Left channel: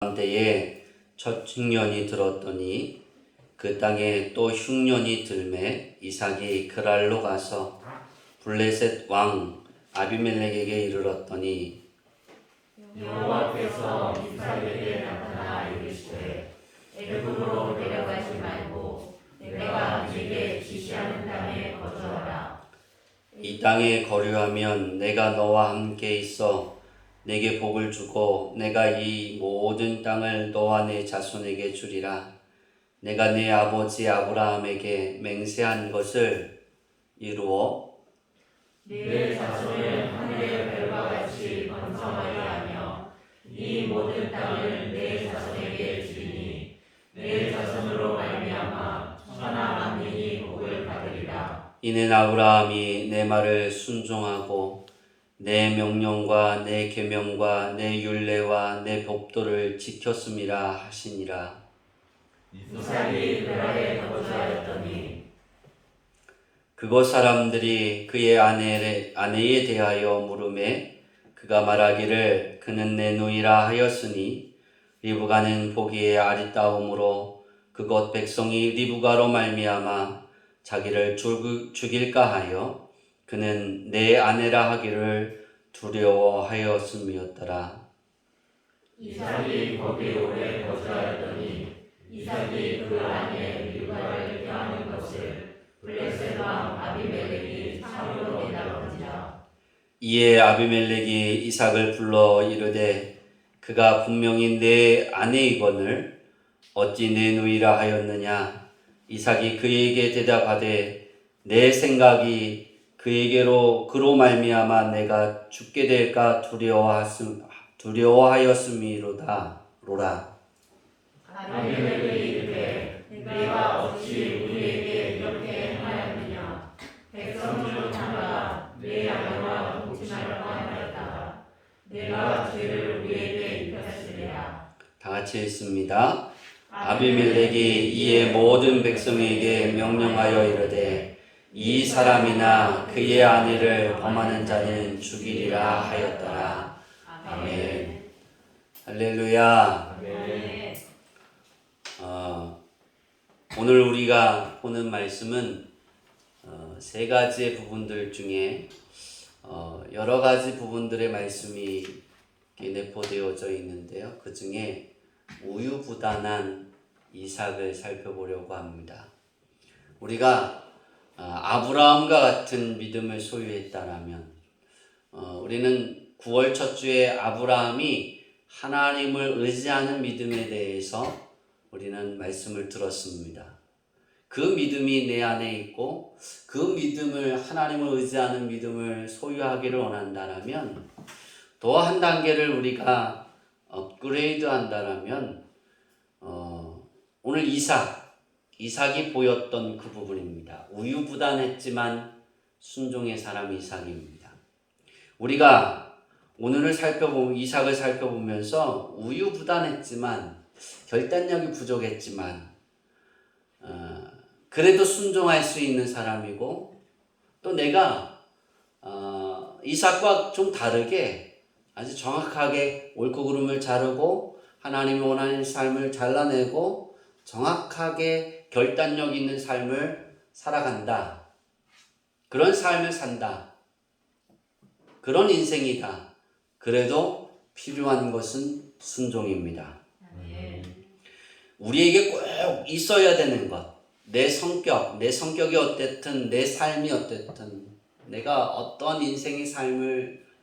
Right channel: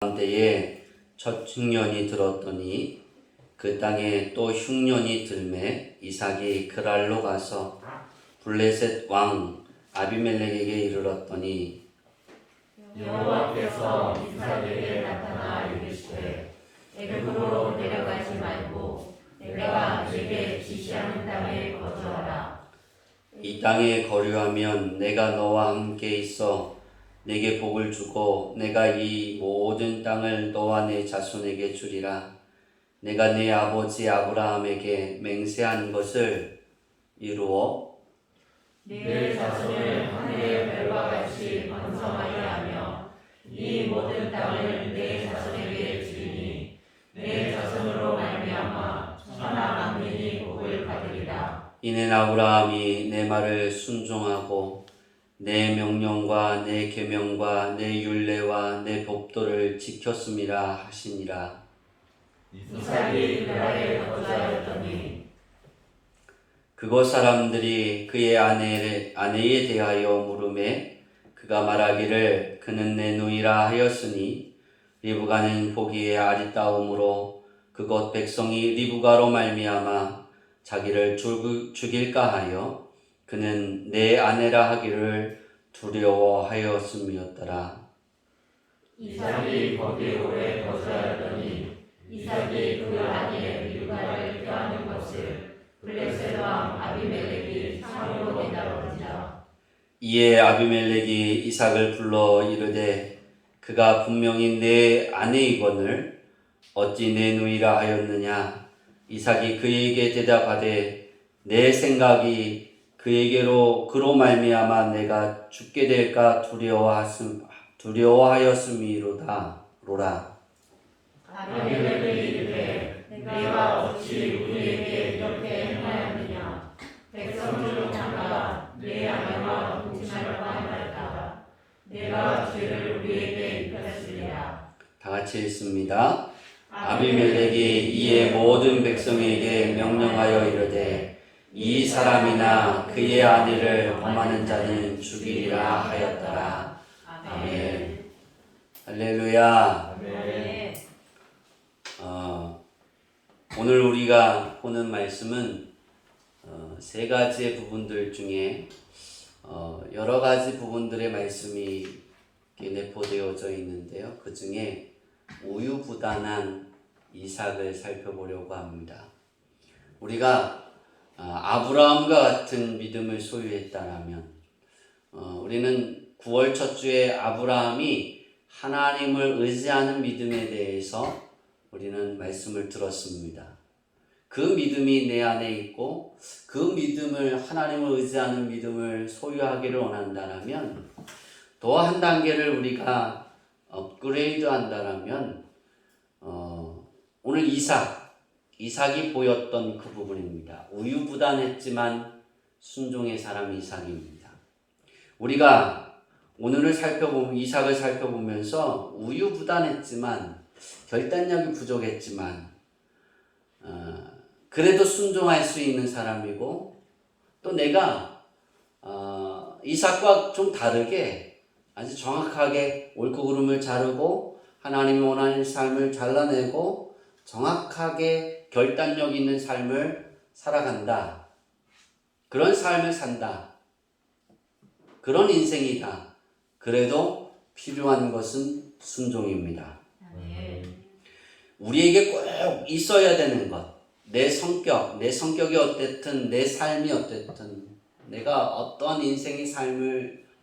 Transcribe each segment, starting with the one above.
때에 첫 흉년이 들었더니 그 땅에 또 흉년이 들매 이삭이 그랄로 가서 블레셋 왕 아비멜렉에게 이르렀더니 여호와께서 이삭에게 나타나 이르시되 애굽으로 내려가지 말고 내가 네게 지시하는 땅에 거주하라. 이 땅에 거류하면 내가 너와 함께 있어 내게 복을 주고 내가 이 모든 땅을 너와 내 자손에게 주리라. 내가 네 아버지 아브라함에게 맹세한 것을 이루어 네 자손을 하늘의 별과 같이 번성하게 하며 이 모든 땅을 내 자손에게 주리니 내 자손으로 말미암아 천하 만민이 복을 받으리라. 이는 아브라함이 내 말을 순종하고 내 명령과 내 계명과 내 율례와 내 법도를 지켰음이라 하시니라. 이삭이 그랄에 거주하였더니 그곳 사람들이 그의 아내에 대하여 물음에 그가 말하기를 그는 내 누이라 하였으니 리브가는 보기에 아리따움으로 그곳 백성이 리브가로 말미암아 자기를 죽일까 하여 그는 내 아내라 하기를 두려워하였음이었더라. 이삭이 거기 오래 거주하였더니 이삭이 그 아내 리브가를 껴안은 것을 블레셋 왕 아비멜렉이 상으로 내다본지라. 이에 아비멜렉이 이삭을 불러 이르되 그가 분명히 내 아내이거늘 어찌 내 누이라 하였느냐. 이삭이 그에게 대답하되 내 생각이 그로 말미암아 내가 죽게 될까 두려워하였음이로다. 아비멜렉이 이르되 네가 어찌 우리에게 이렇게 행하였느냐. 백성 중 하나가 내 아내와 동침하려고 하였다가 내가 죄를 우리에게 입혔으리라. 다 같이 읽습니다. 아비멜렉이 이에 모든 백성에게 명령하여 이르되 이 사람이나 그의 아내를 범하는 자는 죽이리라 하였더라. 아멘. 할렐루야. 아멘. 오늘 우리가 보는 말씀은 세 가지의 부분들 중에 여러 가지 부분들의 말씀이 내포되어져 있는데요. 그 중에 우유부단한 이삭을 살펴보려고 합니다. 우리가 아브라함과 같은 믿음을 소유했다라면 우리는 9월 첫 주에 아브라함이 하나님을 의지하는 믿음에 대해서 우리는 말씀을 들었습니다. 그 믿음이 내 안에 있고 그 믿음을 하나님을 의지하는 믿음을 소유하기를 원한다라면 더 한 단계를 우리가 업그레이드 한다라면 오늘 이삭이 보였던 그 부분입니다. 우유부단했지만 순종의 사람 이삭입니다. 우리가 오늘을 이삭을 살펴보면서 우유부단했지만 결단력이 부족했지만 그래도 순종할 수 있는 사람이고 또 내가 이삭과 좀 다르게 아주 정확하게 옳고 그름을 자르고 하나님이 원하는 삶을 잘라내고 정확하게 결단력 있는 삶을 살아간다. 그런 삶을 산다. 그런 인생이다. 그래도 필요한 것은 순종입니다. 우리에게 꼭 있어야 되는 것. 내 성격이 어땠든 내 삶이 어땠든 내가 어떤 인생의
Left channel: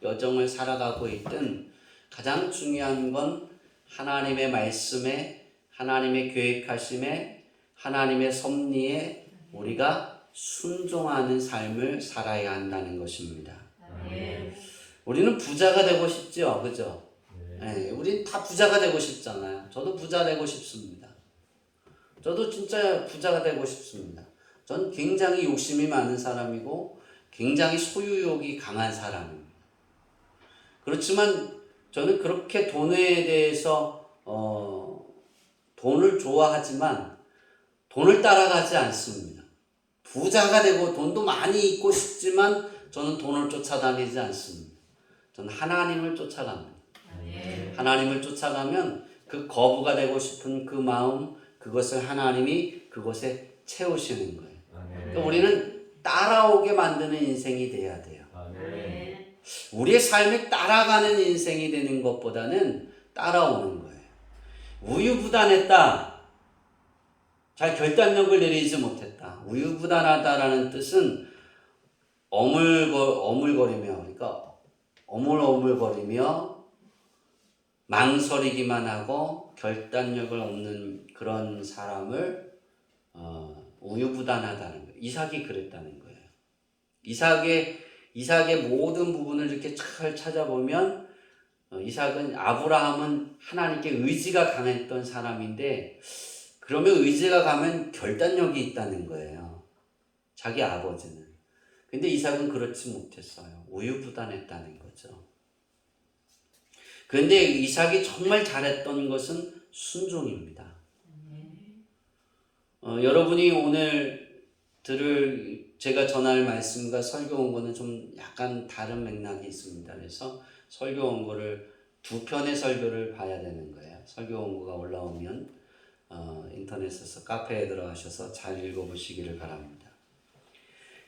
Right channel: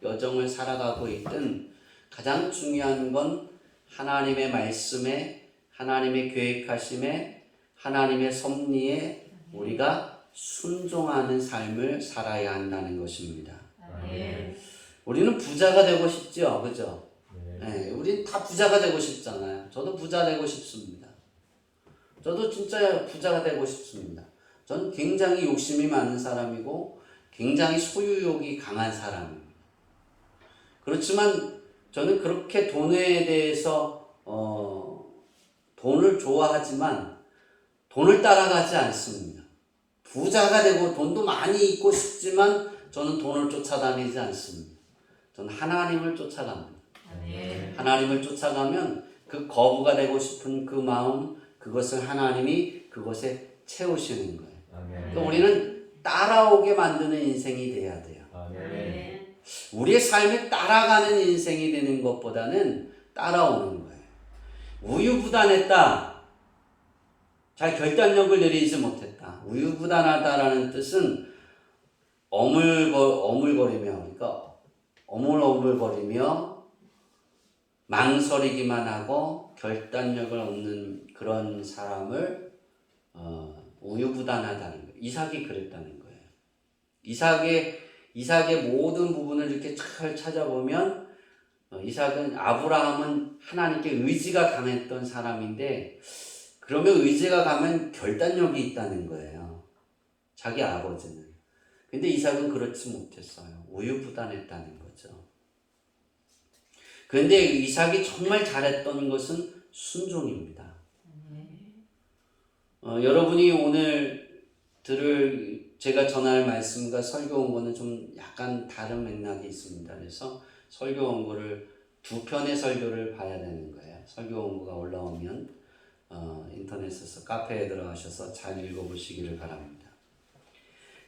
여정을 살아가고 있든 가장 중요한 건 하나님의 말씀에 하나님의 계획하심에 하나님의 섭리에 우리가 순종하는 삶을 살아야 한다는 것입니다. 우리는 부자가 되고 싶죠, 그죠? 네, 우린 다 부자가 되고 싶잖아요. 저도 부자 되고 싶습니다. 저도 진짜 부자가 되고 싶습니다. 전 굉장히 욕심이 많은 사람이고 굉장히 소유욕이 강한 사람입니다. 그렇지만 저는 그렇게 돈에 대해서 돈을 좋아하지만 돈을 따라가지 않습니다. 부자가 되고 돈도 많이 있고 싶지만 저는 돈을 쫓아다니지 않습니다. 저는 하나님을 쫓아갑니다. 하나님을 쫓아가면 그 거부가 되고 싶은 그 마음, 그것을 하나님이 그것에 채우시는 거예요. 그러니까 우리는 따라오게 만드는 인생이 돼야 돼요. 우리의 삶에 따라가는 인생이 되는 것보다는 따라오는 거예요. 우유부단했다. 잘 결단력을 내리지 못했다. 우유부단하다라는 뜻은 어물거리며, 그러니까 어물어물거리며 망설이기만 하고 결단력을 얻는 그런 사람을 우유부단하다는 거예요. 이삭이 그랬다는 거예요. 이삭의 모든 부분을 이렇게 잘 찾아보면 이삭은 아브라함은 하나님께 의지가 강했던 사람인데 그러면 의지가 강하면 결단력이 있다는 거예요. 자기 아버지는. 근데 이삭은 그렇지 못했어요. 우유부단했다는 거죠. 그런데 이삭이 정말 잘했던 것은 순종입니다. 여러분이 오늘 들을 제가 전할 말씀과 설교 원고는 좀 약간 다른 맥락이 있습니다. 그래서 설교 원고를 두 편의 설교를 봐야 되는 거예요. 설교 원고가 올라오면 인터넷에서 카페에 들어가셔서 잘 읽어보시기를 바랍니다.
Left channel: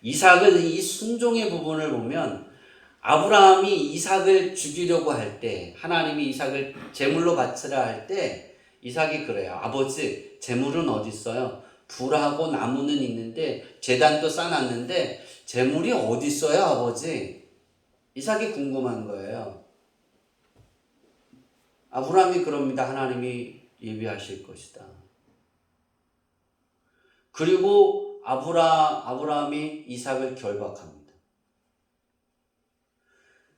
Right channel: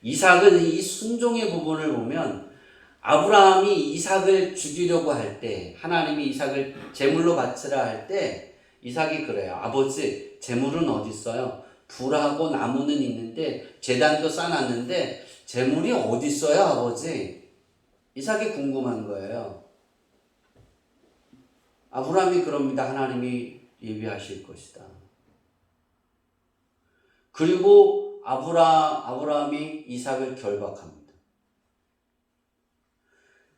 이삭은 이 순종의 부분을 보면 아브라함이 이삭을 죽이려고 할 때 하나님이 이삭을 제물로 바치라 할 때 이삭이 그래요. 아버지 제물은 어디 있어요? 불하고 나무는 있는데 제단도 쌓아놨는데 제물이 어디 있어요 아버지? 이삭이 궁금한 거예요. 아브라함이 그럽니다. 하나님이 예비하실 것이다. 그리고 아브라함이 이삭을 결박합니다.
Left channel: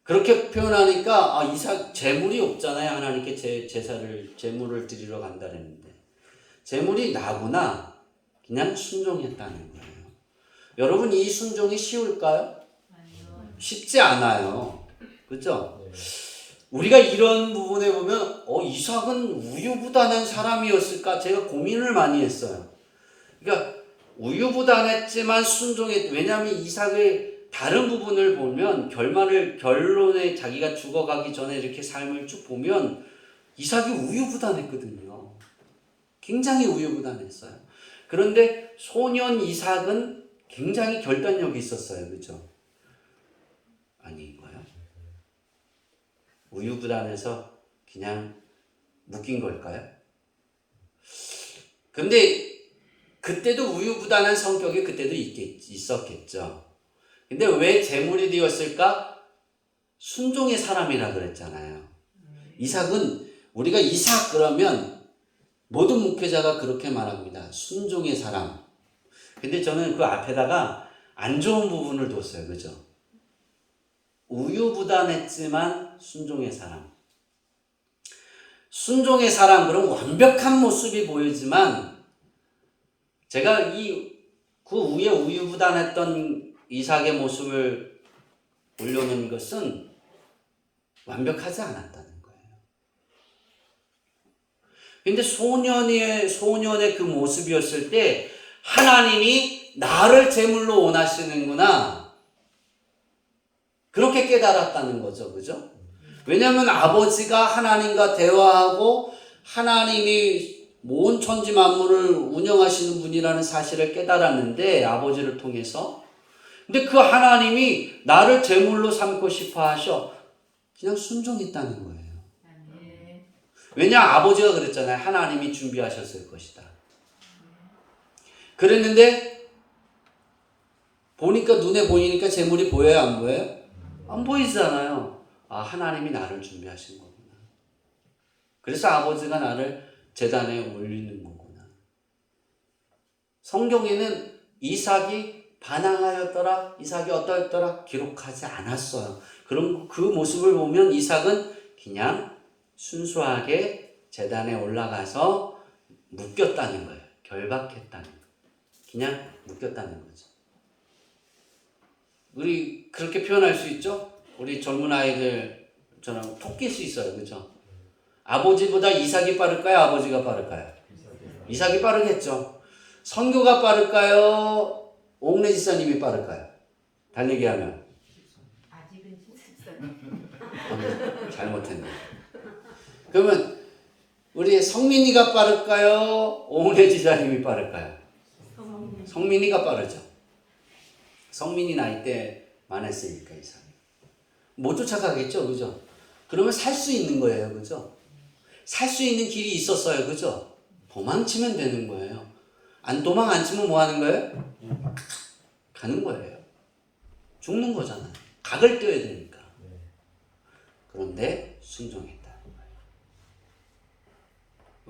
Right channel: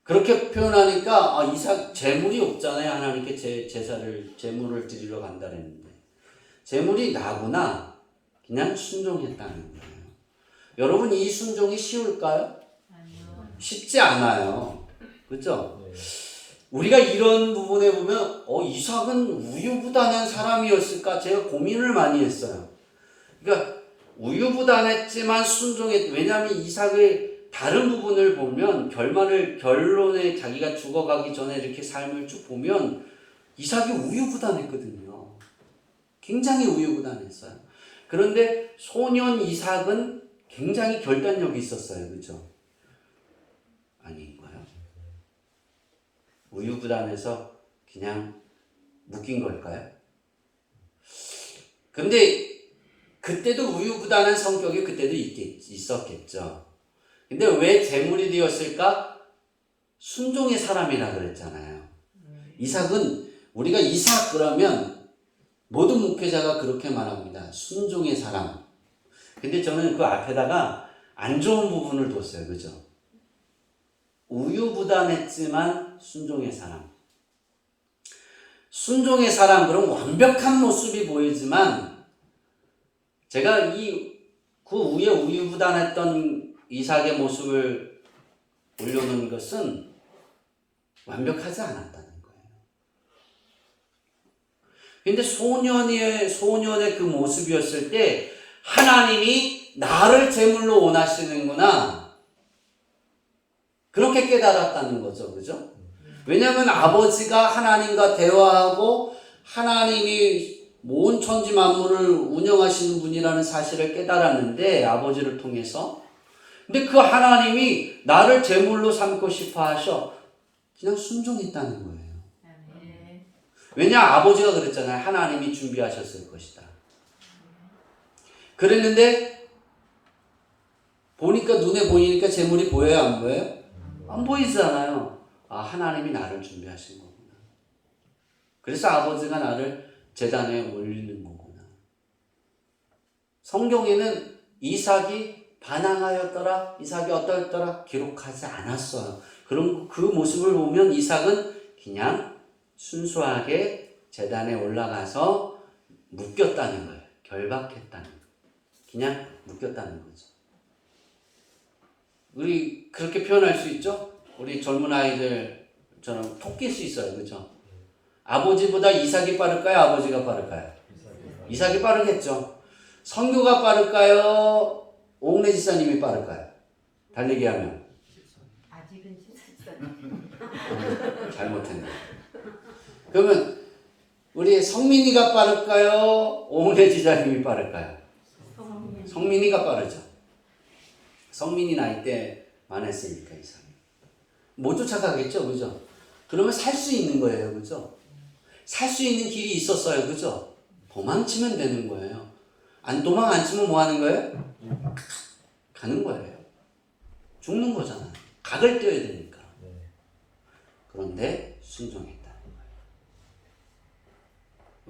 그렇게 표현하니까 이삭 제물이 없잖아요. 하나님께 제물을 드리러 간다 그랬는데 제물이 나구나. 그냥 순종했다는 거예요. 여러분 이 순종이 쉬울까요? 쉽지 않아요. 그렇죠? 우리가 이런 부분에 보면 이삭은 우유부단한 사람이었을까? 제가 고민을 많이 했어요. 그러니까 우유부단했지만 순종했. 왜냐하면 이삭의 다른 부분을 보면 결론에 자기가 죽어가기 전에 이렇게 삶을 쭉 보면 이삭이 우유부단했거든요. 굉장히 우유부단했어요. 그런데 소년 이삭은 굉장히 결단력이 있었어요. 그렇죠? 아닌가요? 우유부단해서 그냥 묶인 걸까요? 근데 그때도 우유부단한 성격이 그때도 있었겠죠. 근데 왜 제물이 되었을까? 순종의 사람이라 그랬잖아요. 이삭은 우리가 이삭 그러면 모든 목회자가 그렇게 말합니다. 순종의 사람. 근데 저는 그 앞에다가 안 좋은 부분을 뒀어요. 그죠? 우유부단했지만 순종의 사람. 순종의 사람, 그럼 완벽한 모습이 보이지만 제가 그 위에 우유부단했던 이삭의 모습을 올려놓은 것은 완벽하지 않았다는 거예요. 근데 소년의 그 모습이었을 때 하나님이 나를 제물로 원하시는구나. 그렇게 깨달았다는 거죠. 그죠? 왜냐하면 아버지가 하나님과 대화하고 하나님이 온 천지 만물을 운영하시는 분이라는 사실을 깨달았는데 아버지를 통해서 근데 그 하나님이 나를 제물로 삼고 싶어 하셔. 그냥 순종했다는 거예요. 왜냐 아버지가 그랬잖아요. 하나님이 준비하셨을 것이다. 그랬는데 눈에 보이니까 제물이 보여요? 안 보여요? 안 보이잖아요. 하나님이 나를 준비하신 거구나. 그래서 아버지가 나를 제단에 올리는 거구나. 성경에는 이삭이 반항하였더라, 이삭이 어떠했더라 기록하지 않았어요. 그럼 그 모습을 보면 이삭은 그냥 순수하게 제단에 올라가서 묶였다는 거예요. 결박했다는 거예요. 그냥 묶였다는 거죠. 우리 그렇게 표현할 수 있죠? 우리 젊은 아이들처럼 톡 낄 수 있어요. 그렇죠? 아버지보다 이삭이 빠를까요? 아버지가 빠를까요? 이삭이 빠르겠죠. 성교가 빠를까요? 옥내 지사님이 빠를까요? 달리기 하면. 아직은 잘못했네. 그러면 우리 성민이가 빠를까요? 오은혜 지사님이 빠를까요? 성민이가 빠르죠. 성민이 나이 때 많았으니까 이상. 못 쫓아가겠죠, 그죠? 그러면 살 수 있는 거예요, 그죠? 살 수 있는 길이 있었어요, 그죠? 도망치면 되는 거예요. 도망 안 치면 뭐 하는 거예요? 가는 거예요. 죽는 거잖아요. 각을 떼야 되니까. 그런데 순종했다.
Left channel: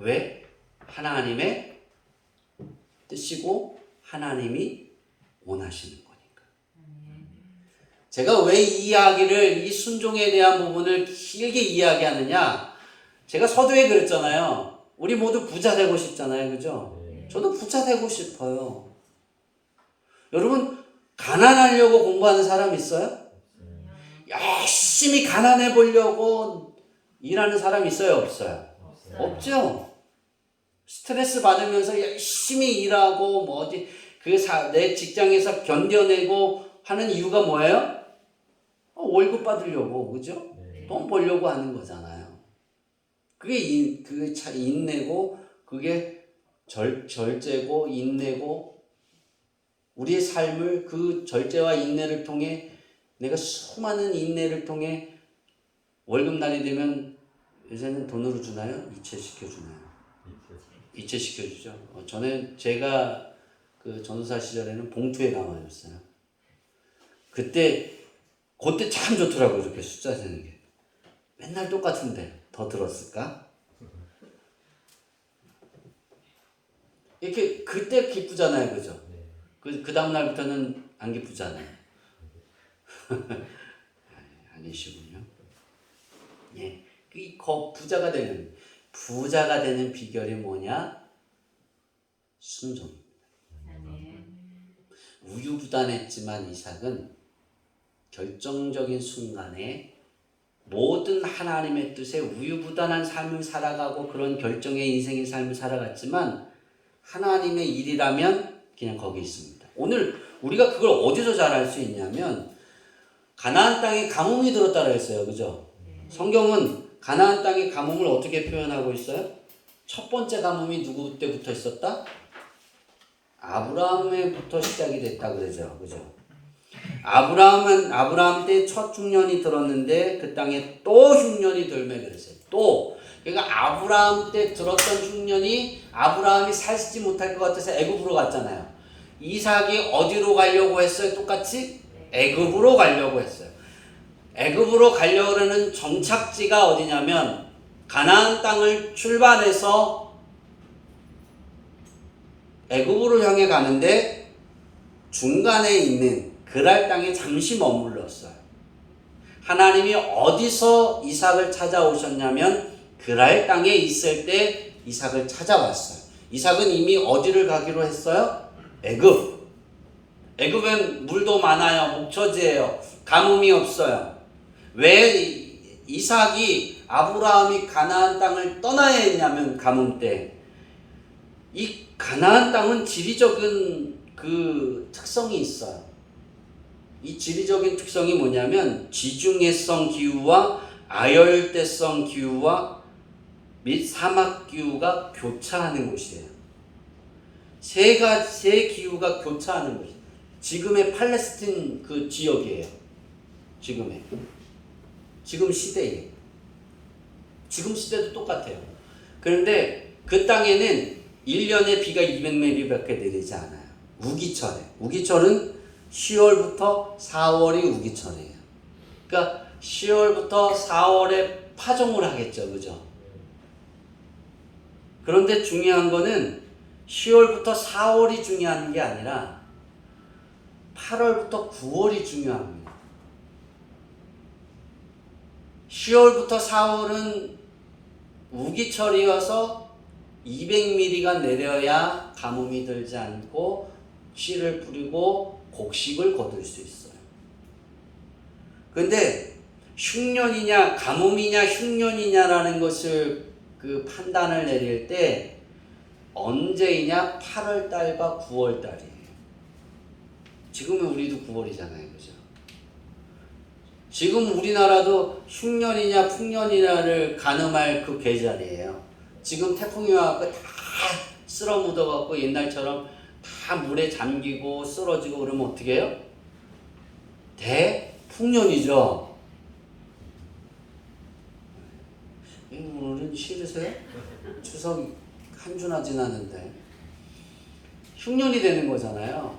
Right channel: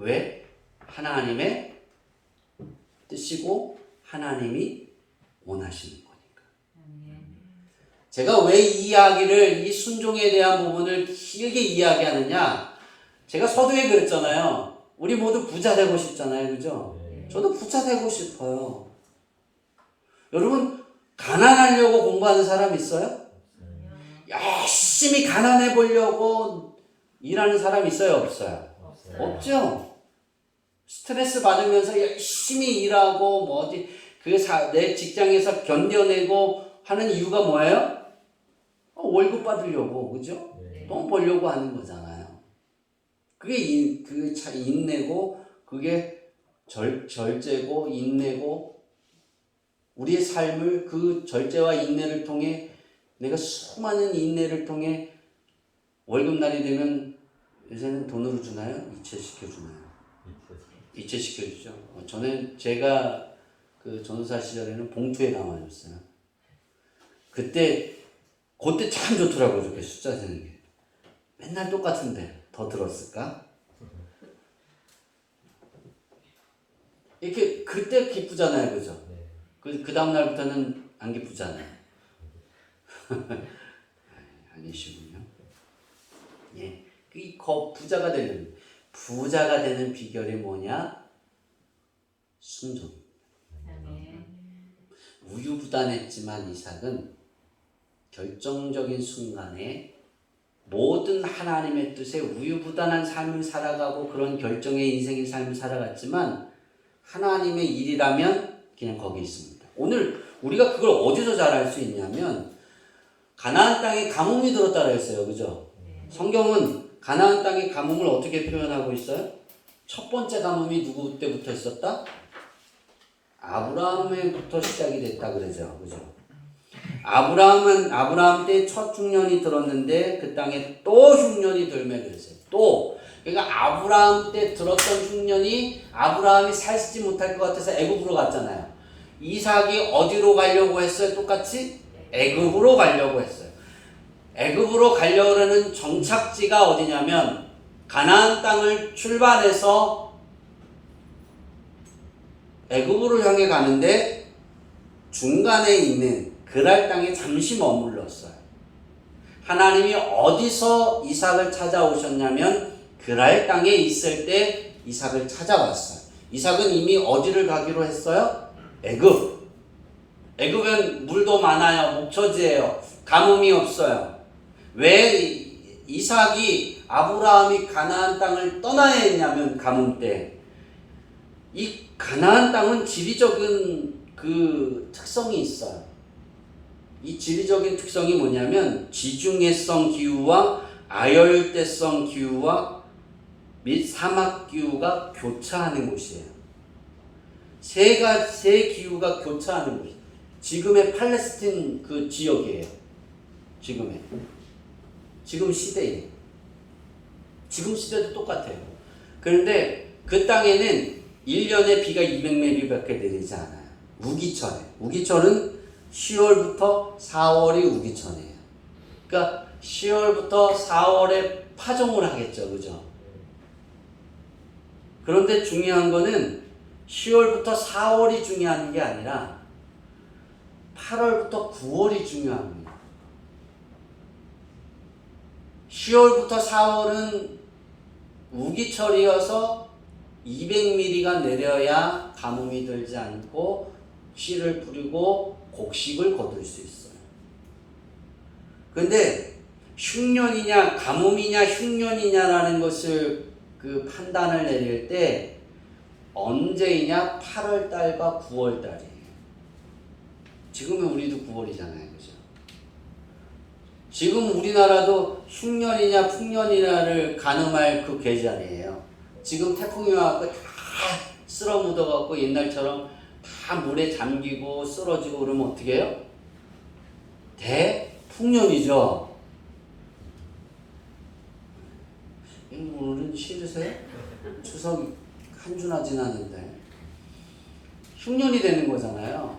왜? 하나님의 뜻이고 하나님이 원하시는 거니까. 제가 왜 이 이야기를, 이 순종에 대한 부분을 길게 이야기하느냐? 제가 서두에 그랬잖아요. 우리 모두 부자 되고 싶잖아요, 그죠? 저도 부자 되고 싶어요. 여러분, 가난하려고 공부하는 사람 있어요? 열심히 가난해 보려고 일하는 사람 있어요, 없어요? 없죠. 스트레스 받으면서 열심히 일하고 뭐 어디 내 직장에서 견뎌내고 하는 이유가 뭐예요? 월급 받으려고, 그죠? 돈 벌려고 하는 거잖아요. 그게 인내고, 그게 절제고, 인내고, 우리의 삶을 그 절제와 인내를 통해, 내가 수많은 인내를 통해 월급날이 되면 요새는 돈으로 주나요? 이체시켜주나요? 이체시켜주죠. 제가 그 전사 시절에는 봉투에 담아줬어요. 그때 참 좋더라고요. 이렇게 숫자 세는 게. 맨날 똑같은데 더 들었을까? 이렇게 그때 기쁘잖아요, 그죠? 그 다음 날부터는 안 기쁘잖아요. 아니시군요. 예, 부자가 되는 비결이 뭐냐? 순종. 우유부단했지만 이삭은 결정적인 순간에 모든 하나님의 뜻에 우유부단한 삶을 살아가고 그런 결정의 인생의 삶을 살아갔지만 하나님의 일이라면 그냥 거기 있습니다. 오늘 우리가 그걸 어디서 잘 알 수 있냐면 가나안 땅에 가뭄이 들었다고 했어요. 그죠? 성경은 가나안 땅의 가뭄을 어떻게 표현하고 있어요? 첫 번째 가뭄이 누구 때부터 있었다? 아브라함에부터 시작이 됐다 그러죠. 그죠? 아브라함 때 첫 흉년이 들었는데 그 땅에 또 흉년이 들매 그랬어요. 또. 그러니까 아브라함 때 들었던 흉년이 아브라함이 살지 못할 것 같아서 애굽으로 갔잖아요. 이삭이 어디로 가려고 했어요? 똑같이 애굽으로 가려고 했어요. 애굽으로 가려는 정착지가 어디냐면 가나안 땅을 출발해서 애굽으로 향해 가는데 중간에 있는 그랄 땅에 잠시 머물렀어요. 하나님이 어디서 이삭을 찾아오셨냐면 그랄 땅에 있을 때 이삭을 찾아왔어요. 이삭은 이미 어디를 가기로 했어요? 애굽. 애굽엔 물도 많아요. 목초지예요. 가뭄이 없어요. 왜 이삭이 아브라함이 가나안 땅을 떠나야 했냐면 가뭄 때. 이 가나안 땅은 지리적인 그 특성이 있어요. 이 지리적인 특성이 뭐냐면 지중해성 기후와 아열대성 기후와 및 사막 기후가 교차하는 곳이에요. 세 기후가 교차하는 곳이에요. 지금의 팔레스틴 그 지역이에요. 지금 시대에. 지금 시대도 똑같아요. 그런데 그 땅에는 1년에 비가 200mm밖에 내리지 않아요. 우기철은 10월부터 4월이 우기철이에요. 그러니까 10월부터 4월에 파종을 하겠죠. 그죠? 그런데 중요한 거는 10월부터 4월이 중요한 게 아니라 8월부터 9월이 중요합니다. 10월부터 4월은 우기철이어서 200mm가 내려야 가뭄이 들지 않고 씨를 뿌리고 곡식을 거둘 수 있어요. 그런데 흉년이냐 가뭄이냐 흉년이냐라는 것을 그 판단을 내릴 때 언제이냐 8월달과 9월달이에요. 지금은 우리도 9월이잖아요. 그죠? 지금 우리나라도 흉년이냐 풍년이냐를 가늠할 그 계절이에요. 지금 태풍이 와서 다 쓸어 묻어갖고 옛날처럼 다 물에 잠기고 쓰러지고 그러면 어떻게 해요? 대풍년이죠. 오늘은 싫으세요? 추석 한 주나 지나는데 흉년이 되는 거잖아요.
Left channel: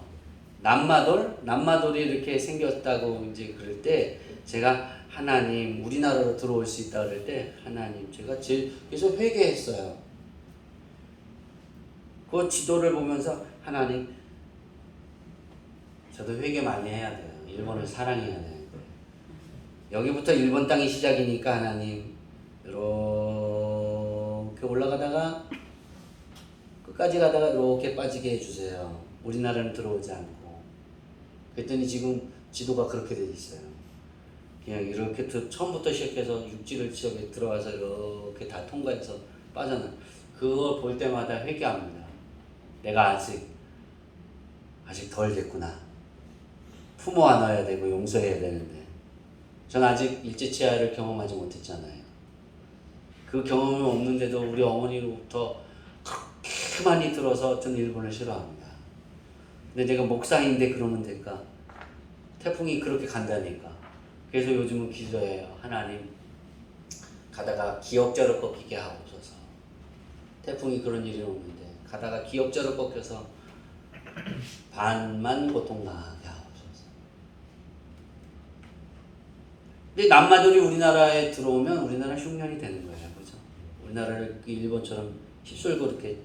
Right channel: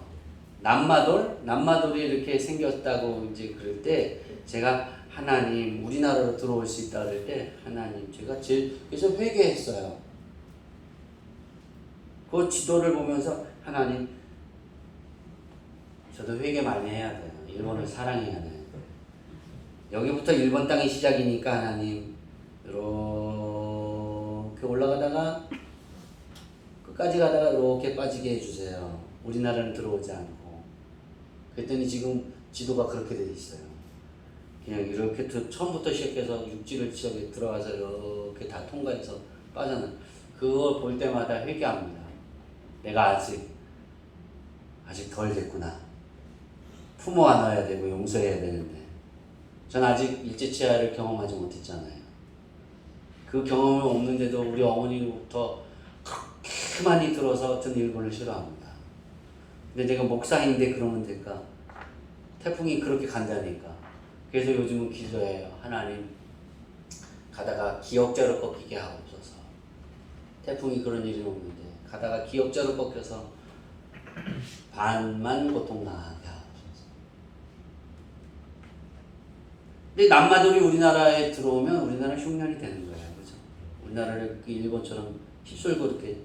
남마돌이 이렇게 생겼다고 이제 그럴 때 제가 하나님 우리나라로 들어올 수 있다 그럴 때 하나님 제가 계속 회개했어요. 그 지도를 보면서 하나님 저도 회개 많이 해야 돼요. 일본을 사랑해야 돼요. 여기부터 일본 땅이 시작이니까 하나님 이렇게 올라가다가 끝까지 가다가 이렇게 빠지게 해주세요. 우리나라는 들어오지 않고. 그랬더니 지금 지도가 그렇게 돼 있어요. 그냥 이렇게 처음부터 시작해서 육지를 지역에 들어가서 이렇게 다 통과해서 빠져나. 그걸 볼 때마다 회개합니다. 내가 아직 덜 됐구나. 품어 안아야 되고 용서해야 되는데 전 아직 일제치하를 경험하지 못했잖아요. 그 경험이 없는데도 우리 어머니로부터 그렇게 많이 들어서 어떤 일본을 싫어합니다. 근데 내가 목사인데 그러면 될까? 태풍이 그렇게 간다니까. 그래서 요즘은 기도해요. 하나님 가다가 기역자로 꺾이게 하옵소서. 태풍이 그런 일이 없는데 가다가 기역자로 꺾여서 반만 고통당하게 하옵소서. 근데 남마돌이 우리나라에 들어오면 우리나라 흉년이 되는 거예요. 그죠? 우리나라를 일본처럼 휩쓸고 이렇게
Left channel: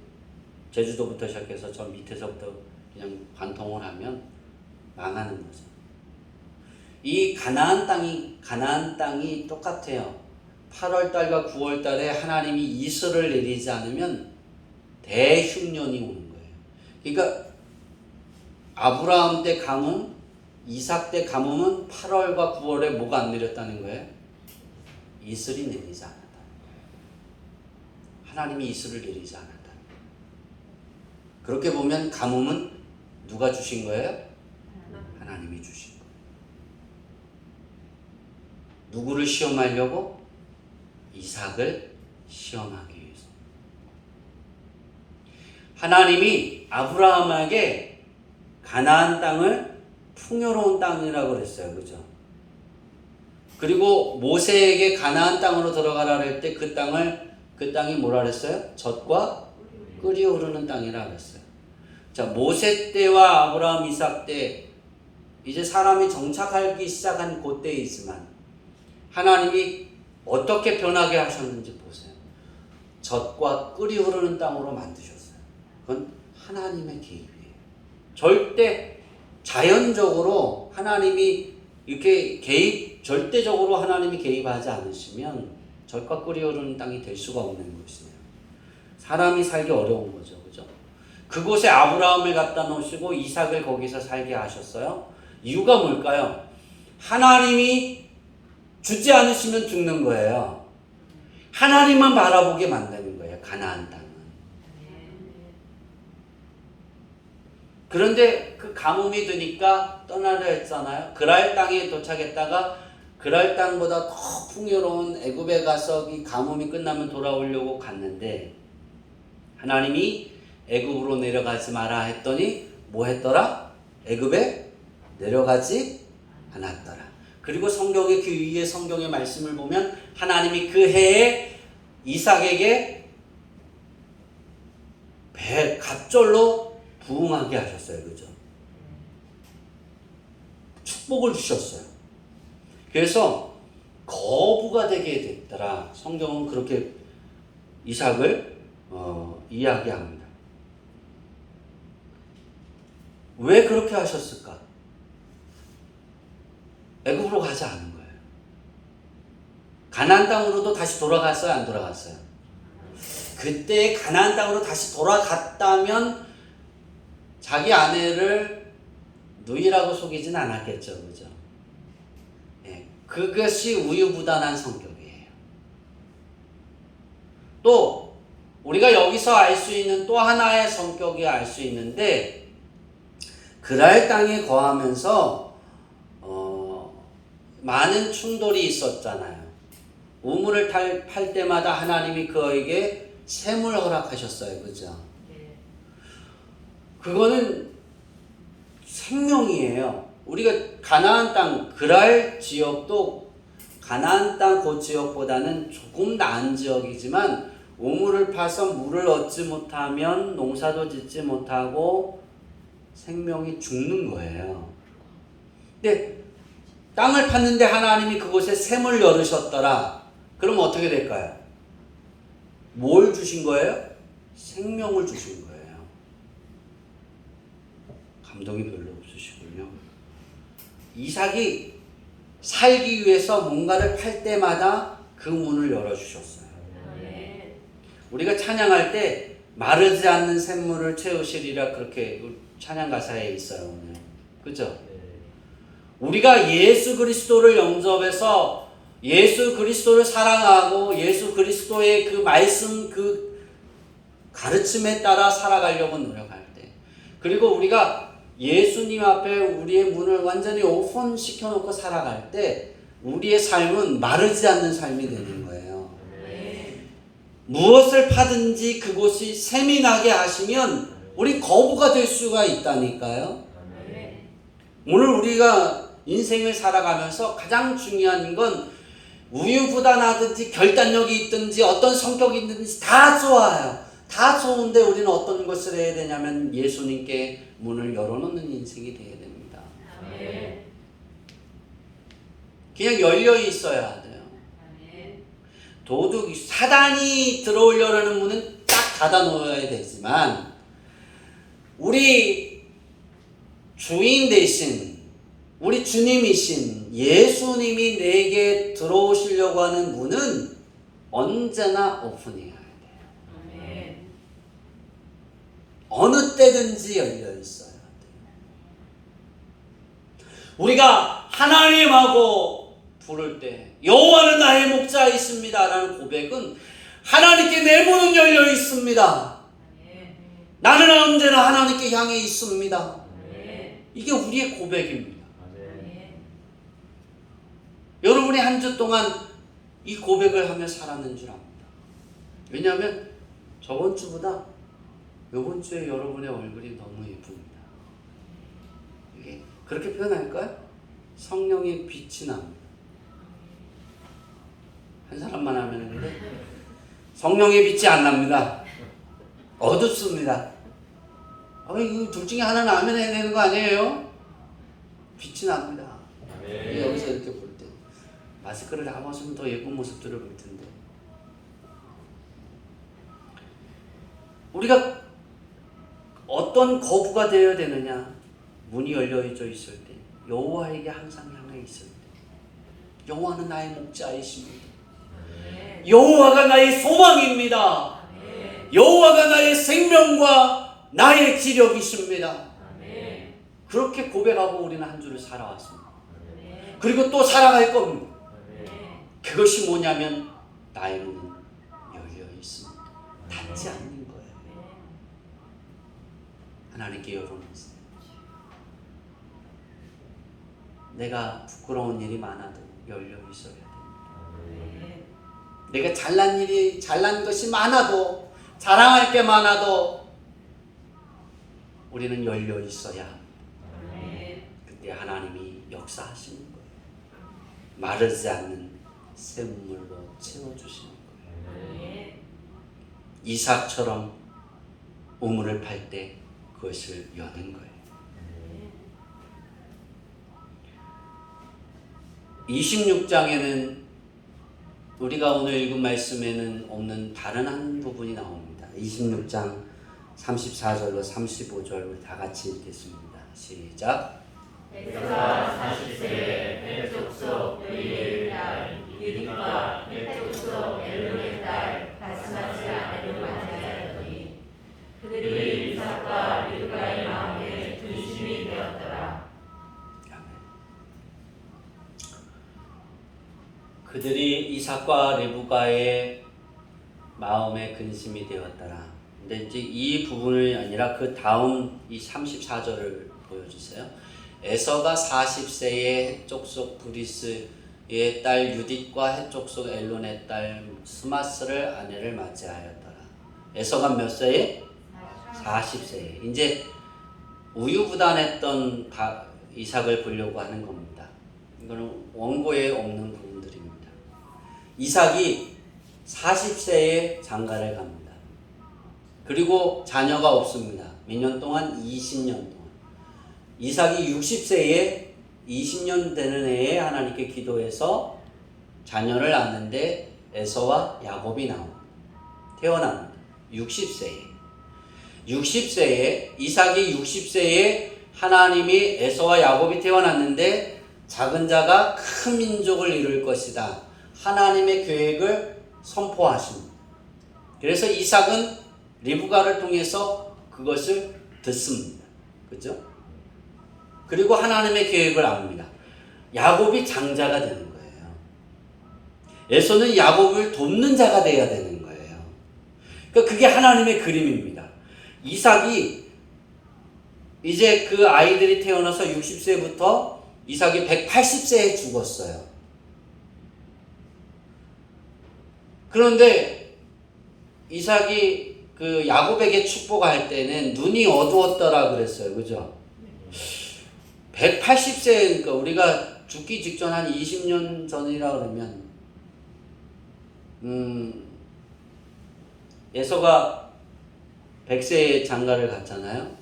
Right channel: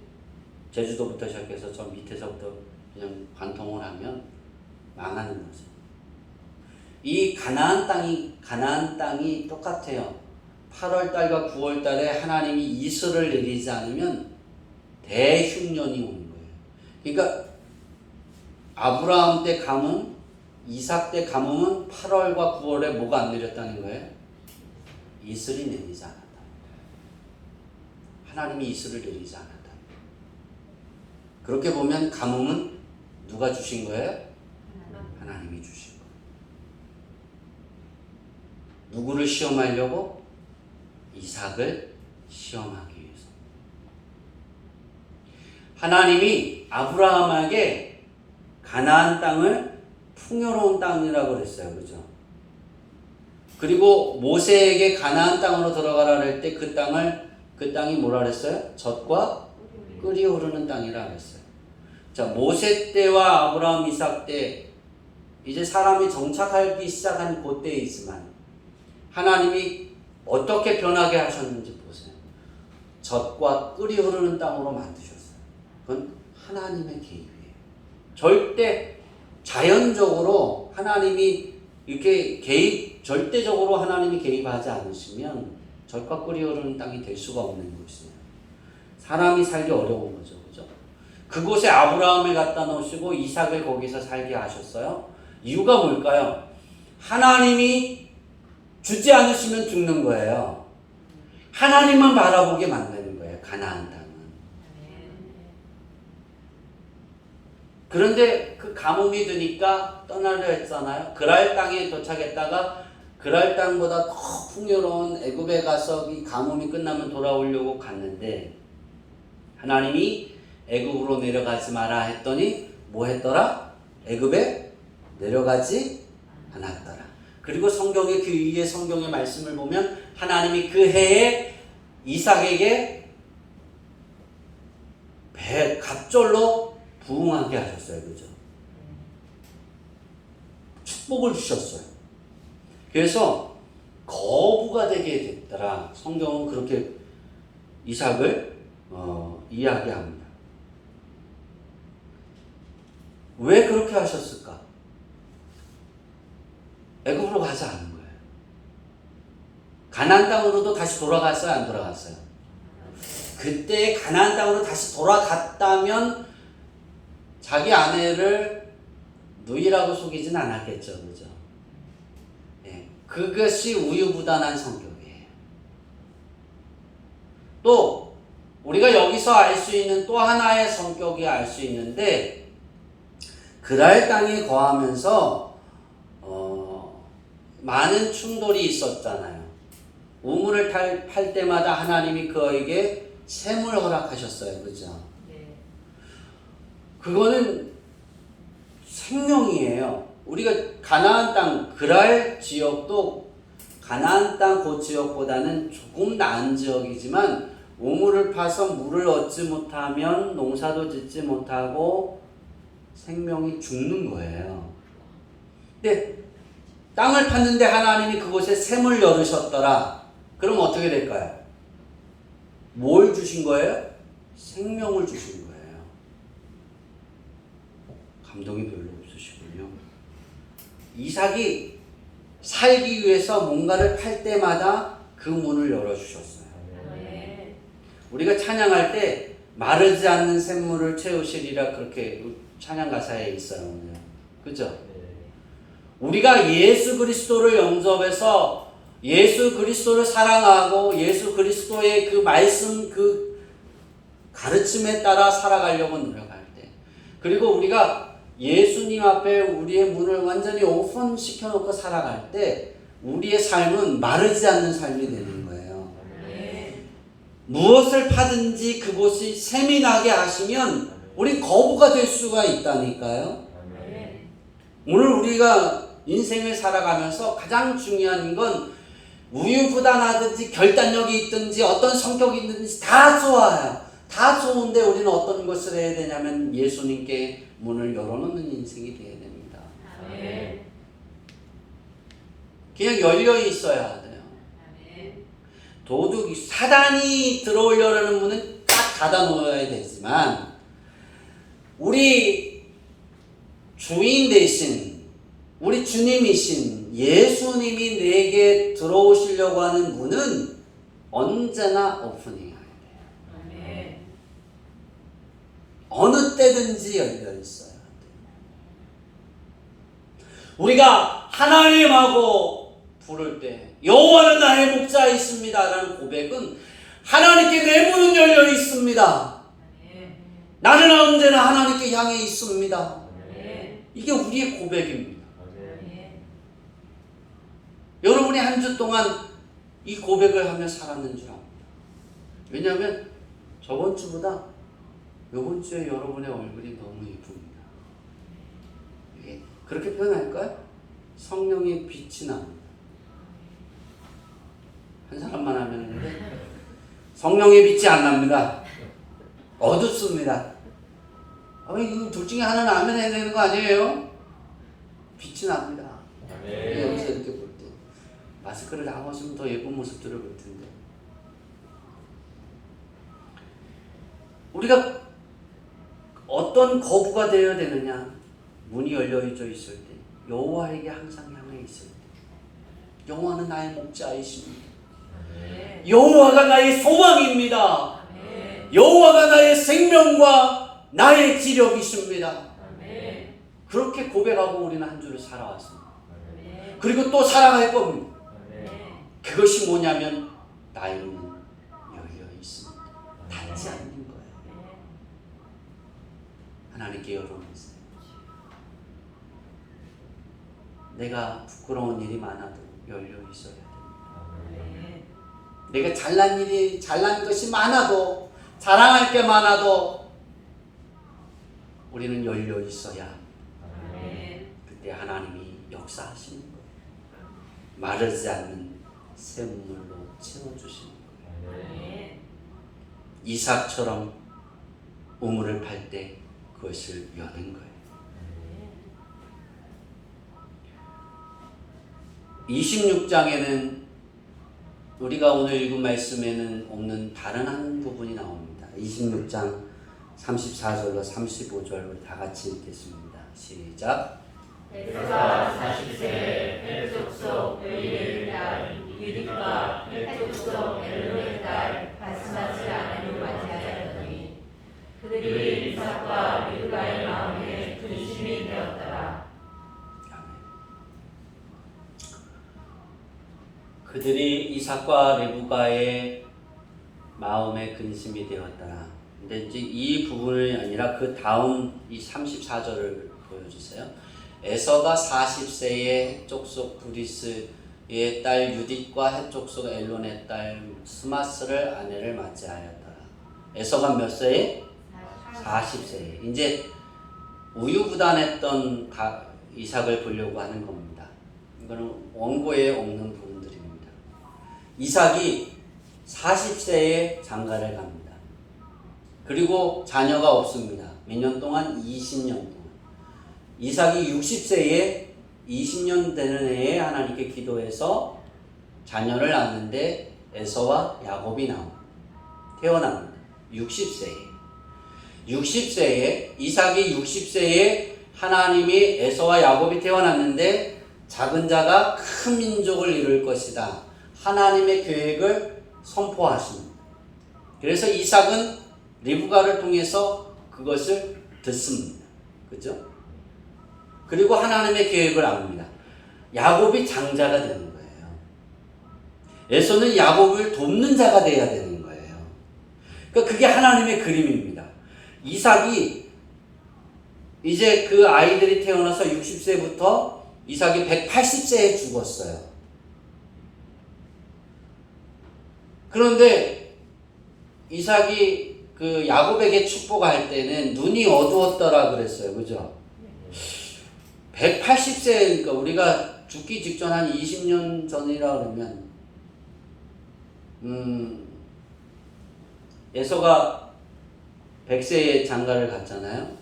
제주도부터 시작해서 저 밑에서부터 그냥 관통을 하면 망하는 거죠. 이 가나안 땅이 똑같아요. 8월 달과 9월 달에 하나님이 이슬을 내리지 않으면 대흉년이 오는 거예요. 그러니까 아브라함 때 가뭄, 이삭 때 가뭄은 8월과 9월에 뭐가 안 내렸다는 거예요? 이슬이 내리지 않았다. 하나님이 이슬을 내리지 않았다. 그렇게 보면 가뭄은 누가 주신 거예요? 하나님이 주신 거예요. 누구를 시험하려고? 이삭을 시험하기 위해서. 하나님이 아브라함에게 가나안 땅을 풍요로운 땅이라고 그랬어요. 그죠? 그리고 모세에게 가나안 땅으로 들어가라 할 때 그 땅이 뭐라 그랬어요? 젖과 끓이 흐르는 땅이라 그랬어요. 자, 모세 때와 아브라함, 이삭 때 이제 사람이 정착하기 시작한 그때에 있지만 하나님이 어떻게 변하게 하셨는지 보세요. 젖과 끓이 흐르는 땅으로 만드셨어요. 그건 하나님의 개입이에요. 절대 자연적으로 하나님이 이렇게 절대적으로 하나님이 개입하지 않으시면 젖과 끓이 흐르는 땅이 될 수가 없는 곳이에요. 사람이 살기 어려운 거죠. 그죠? 그곳에 아브라함을 갖다 놓으시고 이삭을 거기서 살게 하셨어요. 이유가 뭘까요? 하나님이 주지 않으시면 죽는 거예요. 하나님만 바라보게 만드는 거예요. 가나안 땅은. 그런데 그 가뭄이 드니까 떠나려 했잖아요. 그랄 땅에 도착했다가 그랄 땅보다 더 풍요로운 애굽에 가서 이 가뭄이 끝나면 돌아오려고 갔는데 하나님이 애굽으로 내려가지 마라 했더니 뭐 했더라? 애굽에 내려가지 않았더라. 그리고 성경의 그 위에 성경의 말씀을 보면 하나님이 그 해에 이삭에게 갑절로 부흥하게 하셨어요. 그죠? 축복을 주셨어요. 그래서 거부가 되게 됐더라. 성경은 그렇게 이삭을 이야기합니다. 왜 그렇게 하셨을까? 애굽으로 가지 않은 거예요. 가나안 땅으로도 다시 돌아갔어요? 안 돌아갔어요? 그때 가나안 땅으로 다시 돌아갔다면 자기 아내를 누이라고 속이진 않았겠죠. 그죠? 네, 그것이 우유부단한 성격이에요. 또 우리가 여기서 알 수 있는 또 하나의 성격이 알 수 있는데 그랄 땅에 거하면서 많은 충돌이 있었잖아요. 우물을 팔 때마다 하나님이 그에게 샘을 허락하셨어요. 그죠? 네. 그거는 생명이에요. 우리가 가나안 땅 그랄 지역도 가나안 땅 그 지역보다는 조금 나은 지역이지만 우물을 파서 물을 얻지 못하면 농사도 짓지 못하고 생명이 죽는 거예요. 근데 땅을 팠는데 하나님이 그곳에 샘을 열으셨더라. 그럼 어떻게 될까요? 뭘 주신 거예요? 생명을 주신 거예요. 감동이 별로 없으시군요. 이삭이 살기 위해서 뭔가를 팔 때마다 그 문을 열어주셨어요. 네. 우리가 찬양할 때 마르지 않는 샘물을 채우시리라 그렇게 찬양 가사에 있어요. 그죠? 우리가 예수 그리스도를 영접해서 예수 그리스도를 사랑하고 예수 그리스도의 그 말씀 그 가르침에 따라 살아가려고 노력할 때, 그리고 우리가 예수님 앞에 우리의 문을 완전히 오픈시켜 놓고 살아갈 때 우리의 삶은 마르지 않는 삶이 되는 거예요. 네. 무엇을 파든지 그곳이 샘이 나게 하시면 우리 거부가 될 수가 있다니까요. 네. 오늘 우리가 인생을 살아가면서 가장 중요한 건 우유부단하든지 결단력이 있든지 어떤 성격이 있든지 다 좋아요. 다 좋은데 우리는 어떤 것을 해야 되냐면 예수님께 문을 열어놓는 인생이 되어야 됩니다. 네. 그냥 열려 있어야 돼요. 도둑이 사단이 들어오려는 문은 딱 닫아 놓아야 되지만 우리 주인 대신 우리 주님이신 예수님이 내게 들어오시려고 하는 문은 언제나 오픈해야 돼요. 네. 어느 때든지 열려 있어야 돼요. 우리가 하나님하고 부를 때 여호와는 나의 목자이십니다라는 고백은 하나님께 내 문은 열려 있습니다. 나는 언제나 하나님께 향해 있습니다. 이게 우리의 고백입니다. 여러분이 한 주 동안 이 고백을 하며 살았는 줄 압니다. 왜냐하면 저번 주보다 이번 주에 여러분의 얼굴이 너무 예쁩니다. 이게 그렇게 표현할까요? 성령의 빛이 납니다. 한 사람만 하면 되는데 성령의 빛이 안 납니다. 어둡습니다. 이거 둘 중에 하나는 아멘 해야 되는 거 아니에요? 빛이 납니다. 여기서 이렇게 볼 때 마스크를 하고 있으면 더 예쁜 모습들을 볼 텐데 우리가 어떤 거부가 되어야 되느냐? 문이 열려져 있을 때 여호와에게 항상 향해 있을 때 여호와는 나의 목자이십니다. 여호와가 나의 소망입니다. 여호와가 나의 생명과 나의 기력이십니다. 그렇게 고백하고 우리는 한 주를 살아왔습니다. 그리고 또 살아갈 겁니다. 그것이 뭐냐면 나의 문은 열려 있습니다. 닫지 않는 거예요. 하나님께 열어놓으세요. 내가 부끄러운 일이 많아도 열려 있어야 됩니다. 내가 잘난 것이 많아도 자랑할 게 많아도 우리는 열려 있어야 합니다. 그때 하나님이 역사하시는 거예요. 마르지 않는 샘물로 채워주시는 거예요. 이삭처럼 우물을 팔 때 그것을 여는 거예요. 26장에는 우리가 오늘 읽은 말씀에는 없는 다른 한 부분이 나옵니다. 26장 34절로 35절을 다 같이 읽겠습니다. 시작. 에서가 40세에 헷족속 엘리의 딸 유디과 헷족속 엘론의 딸 바스마스 아내를 맞이하였더니 그들이 이삭과 리브가의 마음에 근심이 되었더라. 그들이 이삭과 리브가의 마음에 근심이 되었더라. 근데 이제 이 부분이 아니라 그 다음 이 34절을 보여주세요. 에서가 40세에 헷족속 브리스의 딸 유딧과 헷족속 엘론의 딸 스마스를 아내를 맞이하였더라. 에서가 몇 세에? 40세에. 이제 우유부단했던 이삭을 보려고 하는 겁니다. 이거는 원고에 없는 부분들입니다. 이삭이 40세에 장가를 갑니다. 그리고 자녀가 없습니다. 몇 년 동안? 20년 동안. 이삭이 60세에 20년 되는 해에 하나님께 기도해서 자녀를 낳는데 에서와 야곱이 태어납니다. 60세에 이삭이 60세에 하나님이 에서와 야곱이 태어났는데 작은 자가 큰 민족을 이룰 것이다. 하나님의 계획을 선포하십니다. 그래서 이삭은 리브가를 통해서 그것을 듣습니다. 그죠? 그리고 하나님의 계획을 압니다. 야곱이 장자가 되는 거예요. 에서는 야곱을 돕는 자가 되어야 되는 거예요. 그러니까 그게 하나님의 그림입니다. 이삭이 이제 그 아이들이 태어나서 60세부터 이삭이 180세에 죽었어요. 그런데 이삭이 그 야곱에게 축복할 때는 눈이 어두웠더라 그랬어요. 그죠? 180세니까 우리가 죽기 직전 한 20년 전이라 그러면 에서가 100세에 장가를 갔잖아요.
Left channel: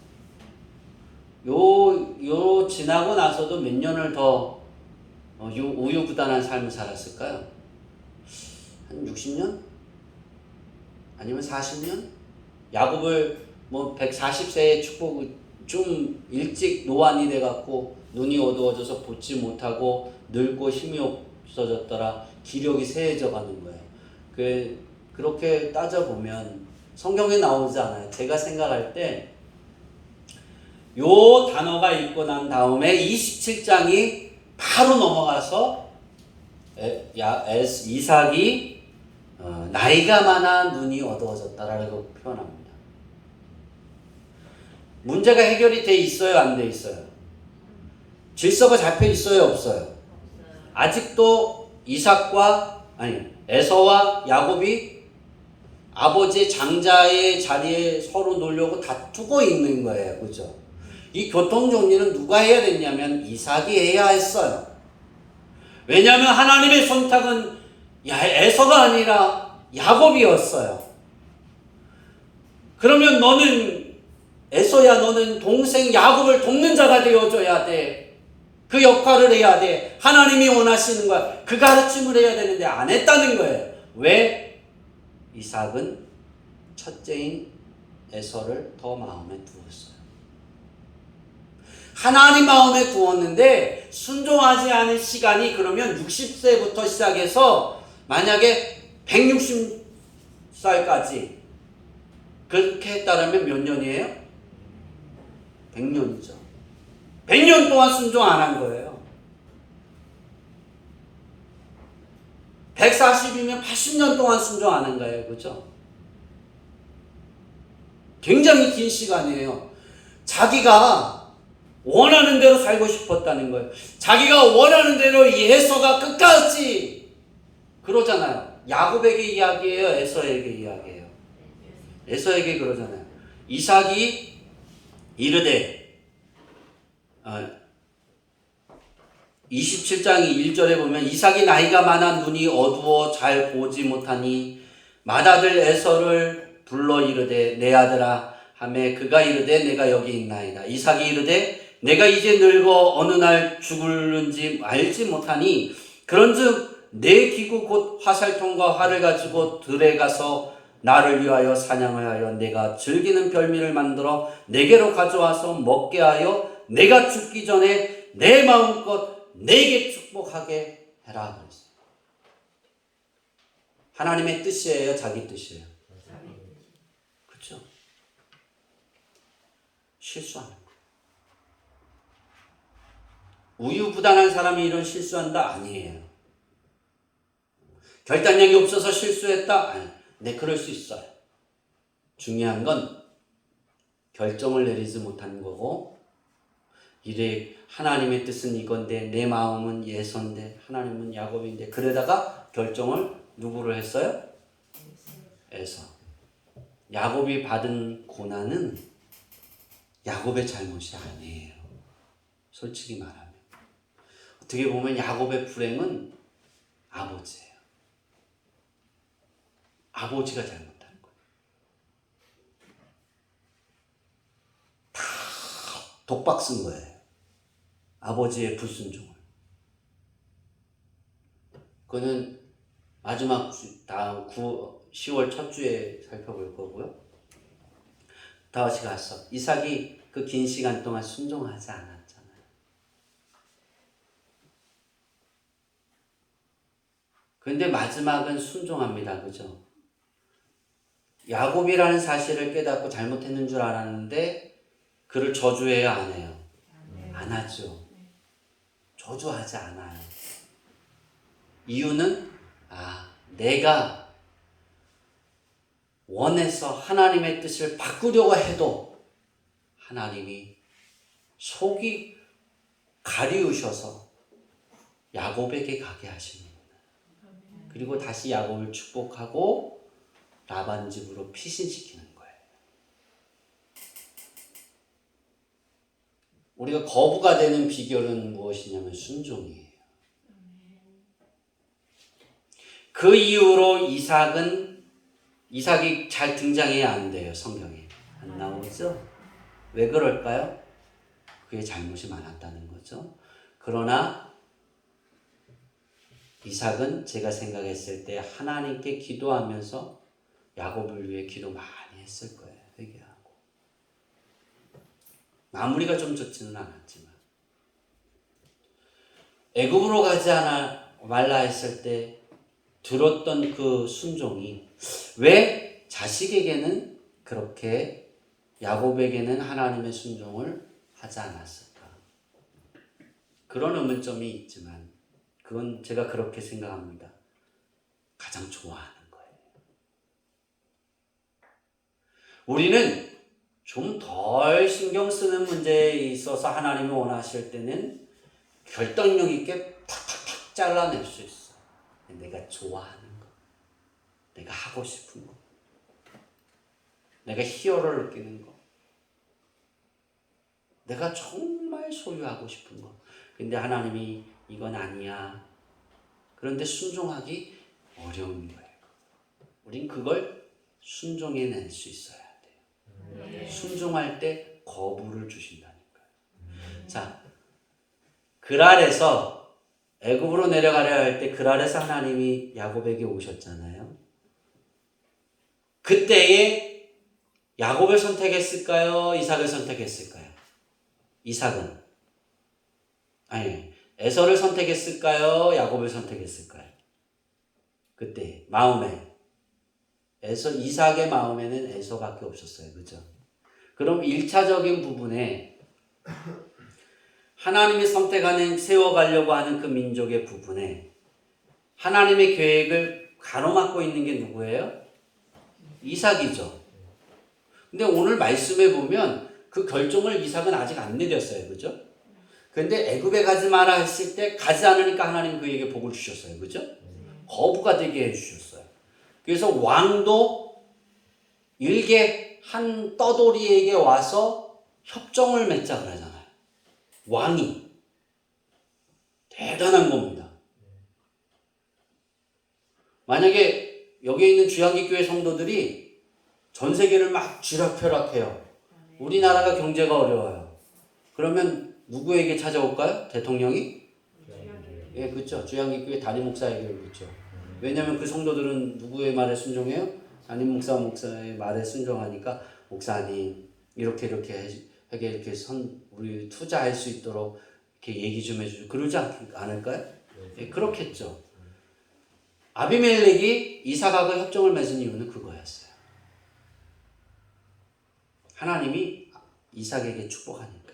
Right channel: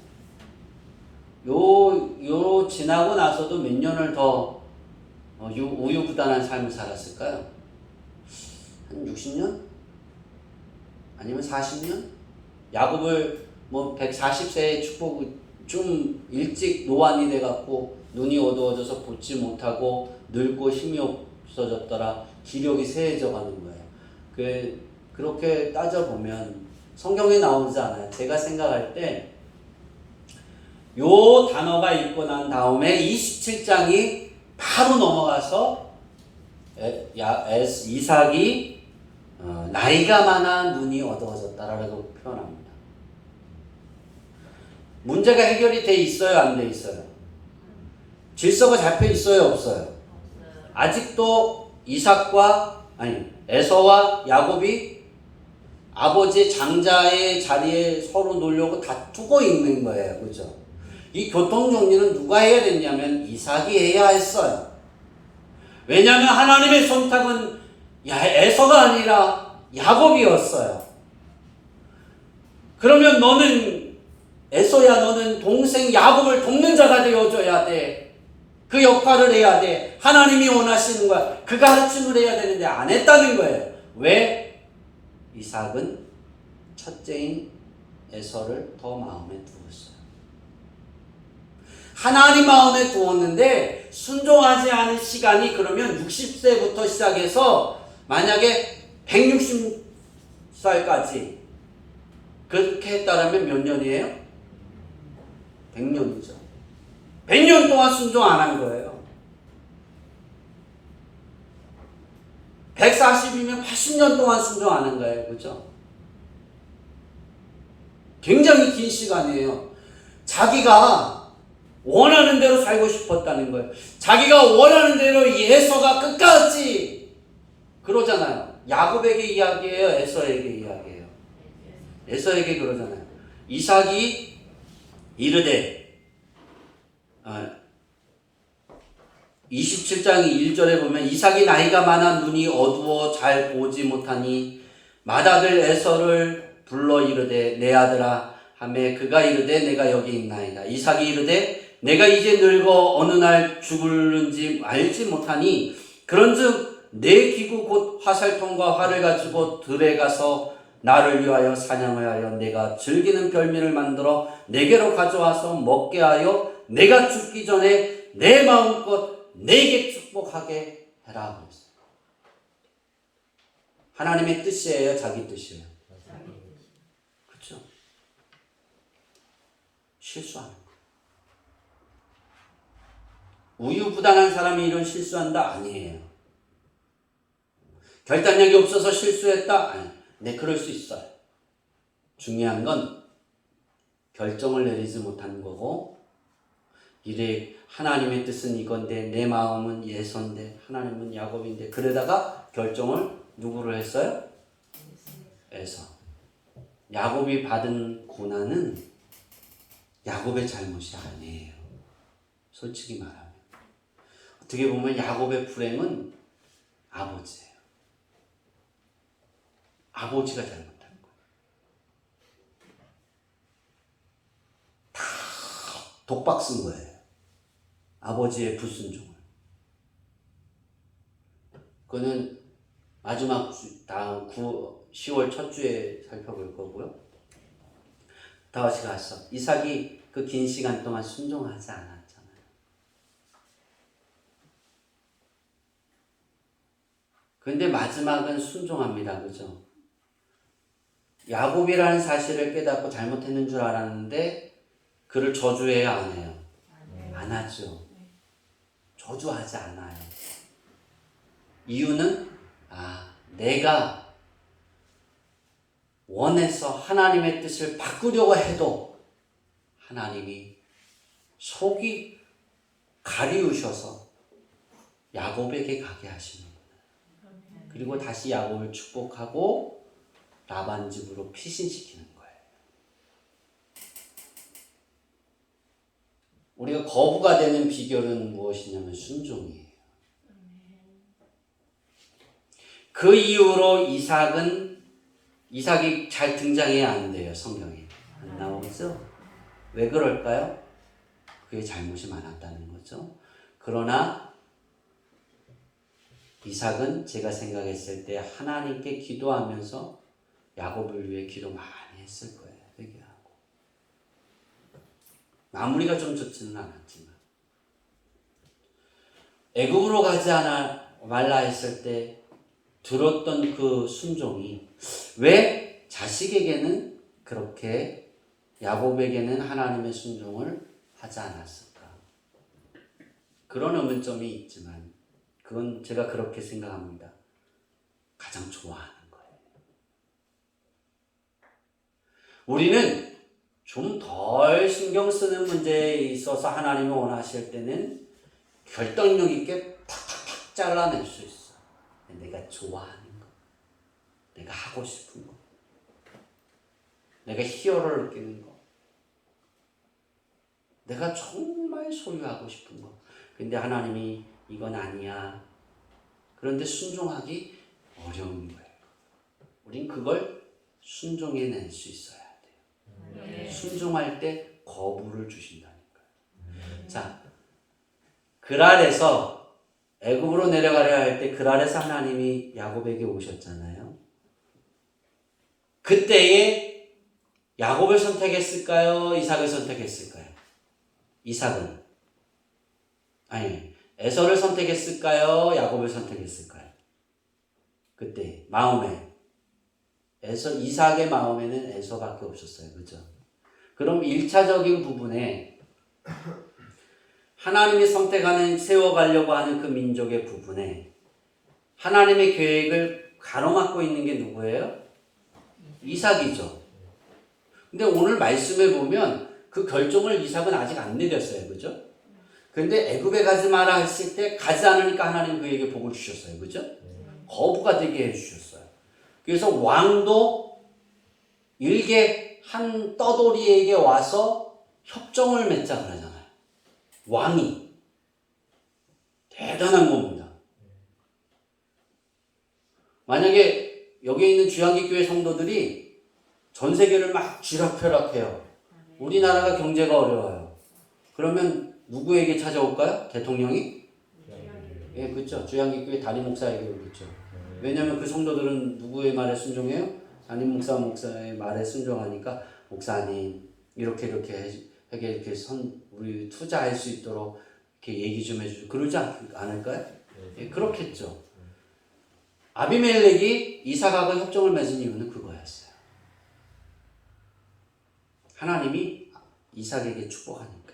요 지나고 나서도 몇 년을 더 우유부단한 삶을 살았을까요? 한 60년? 아니면 40년? 야곱을 뭐 140세에 축복 좀 일찍 노안이 돼갖고 눈이 어두워져서 보지 못하고 늙고 힘이 없어졌더라. 기력이 쇠해져 가는 거예요. 그렇게 따져보면 성경에 나오지 않아요. 제가 생각할 때 요 단어가 있고 난 다음에 27장이 바로 넘어가서 이삭이 나이가 많아 눈이 어두워졌다라고 표현합니다. 문제가 해결이 돼 있어요, 안 돼 있어요? 질서가 잡혀 있어요, 없어요? 아직도 에서와 야곱이 아버지 장자의 자리에 서로 놓으려고 다투고 있는 거예요. 그죠? 이 교통정리는 누가 해야 됐냐면 이삭이 해야 했어요. 왜냐하면 하나님의 son탁은 에서가 아니라 야곱이었어요. 그러면 너는 에서야, 너는 동생 야곱을 돕는 자가 되어줘야 돼. 그 역할을 해야 돼. 하나님이 원하시는 거야. 그 가르침을 해야 되는데 안 했다는 거예요. 왜? 이삭은 첫째인 에서를 더 마음에 두었어요. 하나님 마음에 두었는데 순종하지 않은 시간이 그러면 60세부터 시작해서 만약에 160살까지 그렇게 했다면 몇 년이에요? 100년이죠. 100년 동안 순종 안 한 거예요. 140이면 80년 동안 순종 안 한 거예요. 그죠? 굉장히 긴 시간이에요. 자기가 원하는 대로 살고 싶었다는 거예요. 자기가 원하는 대로 에서가 끝까지 그러잖아요. 야곱에게 이야기해요? 에서에게 이야기해요? 에서에게 그러잖아요. 이삭이 이르되 27장 1절에 보면 이삭이 나이가 많아 눈이 어두워 잘 보지 못하니 맏아들 에서를 불러 이르되 내 아들아 하매 그가 이르되 내가 여기 있나이다. 이삭이 이르되 내가 이제 늙어 어느 날 죽을는지 알지 못하니 그런즉 내 기구 곧 화살통과 활을 가지고 들에 가서 나를 위하여 사냥을 하여 내가 즐기는 별미를 만들어 내게로 가져와서 먹게 하여 내가 죽기 전에 내 마음껏 내게 축복하게 해라. 하나님의 뜻이에요? 자기 뜻이에요? 그렇죠? 실수하는 거예요. 우유부단한 사람이 이런 실수한다? 아니에요. 결단력이 없어서 실수했다? 아니. 네, 그럴 수 있어요. 중요한 건 결정을 내리지 못한 거고, 이래 하나님의 뜻은 이건데 내 마음은 에서인데 하나님은 야곱인데, 그러다가 결정을 누구를 했어요? 에서. 야곱이 받은 고난은 야곱의 잘못이 아니에요. 솔직히 말하면. 어떻게 보면 야곱의 불행은 아버지예요. 아버지가 잘못한 거예요. 다 독박 쓴 거예요. 아버지의 불순종을. 그거는 마지막 다음 10월 첫 주에 살펴볼 거고요. 다시 가서 이삭이 그 긴 시간 동안 순종하지 않았잖아요. 그런데 마지막은 순종합니다. 그죠? 야곱이라는 사실을 깨닫고 잘못했는 줄 알았는데 그를 저주해요, 안 해요? 안 하죠. 저주하지 않아요. 이유는 내가 원해서 하나님의 뜻을 바꾸려고 해도 하나님이 속이 가리우셔서 야곱에게 가게 하시는구나. 그리고 다시 야곱을 축복하고 라반 집으로 피신시키는 거예요. 우리가 거부가 되는 비결은 무엇이냐면 순종이에요. 그 이후로 이삭이 잘 등장해야 안 돼요. 성경에 안 나오죠? 왜 그럴까요? 그게 잘못이 많았다는 거죠. 그러나 이삭은 제가 생각했을 때 하나님께 기도하면서 야곱을 위해 기도 많이 했을 거예요. 회개하고. 마무리가 좀 좋지는 않았지만 애굽으로 가지 말라 했을 때 들었던 그 순종이 왜 자식에게는 그렇게 야곱에게는 하나님의 순종을 하지 않았을까? 그런 의문점이 있지만 그건 제가 그렇게 생각합니다. 가장 좋아하는 거예요. 우리는 좀 덜 신경 쓰는 문제에 있어서 하나님이 원하실 때는 결단력 있게 탁탁탁 잘라낼 수 있어요. 내가 좋아하는 거, 내가 하고 싶은 거, 내가 희열을 느끼는 거, 내가 정말 소유하고 싶은 거. 근데 하나님이 이건 아니야. 그런데 순종하기 어려운 거예요. 우린 그걸 순종해낼 수 있어야 돼요. 네. 순종할 때 거부를 주신다니까요. 자, 그랄에서 애굽으로 내려가려 할 때 그랄에서 하나님이 야곱에게 오셨잖아요. 그때에 야곱을 선택했을까요? 이삭을 선택했을까요? 에서를 선택했을까요? 야곱을 선택했을까요? 그때 마음에 이삭의 마음에는 에서밖에 없었어요. 그죠? 그럼 1차적인 부분에 하나님이 세워가려고 하는 그 민족의 부분에 하나님의 계획을 가로막고 있는 게 누구예요? 이삭이죠. 근데 오늘 말씀에 보면 그 결정을 이삭은 아직 안 내렸어요. 그죠? 근데 애굽에 가지 마라 했을 때 가지 않으니까 하나님 그에게 복을 주셨어요. 그죠? 거부가 되게 해주셨어요. 그래서 왕도 일개 한 떠돌이에게 와서 협정을 맺자 그러잖아요. 왕이 대단한 겁니다. 만약에 여기에 있는 주양기교회 성도들이 전 세계를 막 쥐락펴락해요. 우리나라가 경제가 어려워요. 그러면 누구에게 찾아올까요? 대통령이? 예, 그렇죠. 주양기교회 담임 목사에게 오겠죠. 왜냐하면 그 성도들은 누구의 말에 순종해요? 담임 목사의 말에 순종하니까 목사님 이렇게 우리 투자할 수 있도록 이렇게 얘기 좀 해주죠. 그러지 않을까요? 예, 그렇겠죠. 아비멜렉이 이삭하고 협정을 맺은 이유는 그거였어요. 하나님이 이삭에게 축복하니까.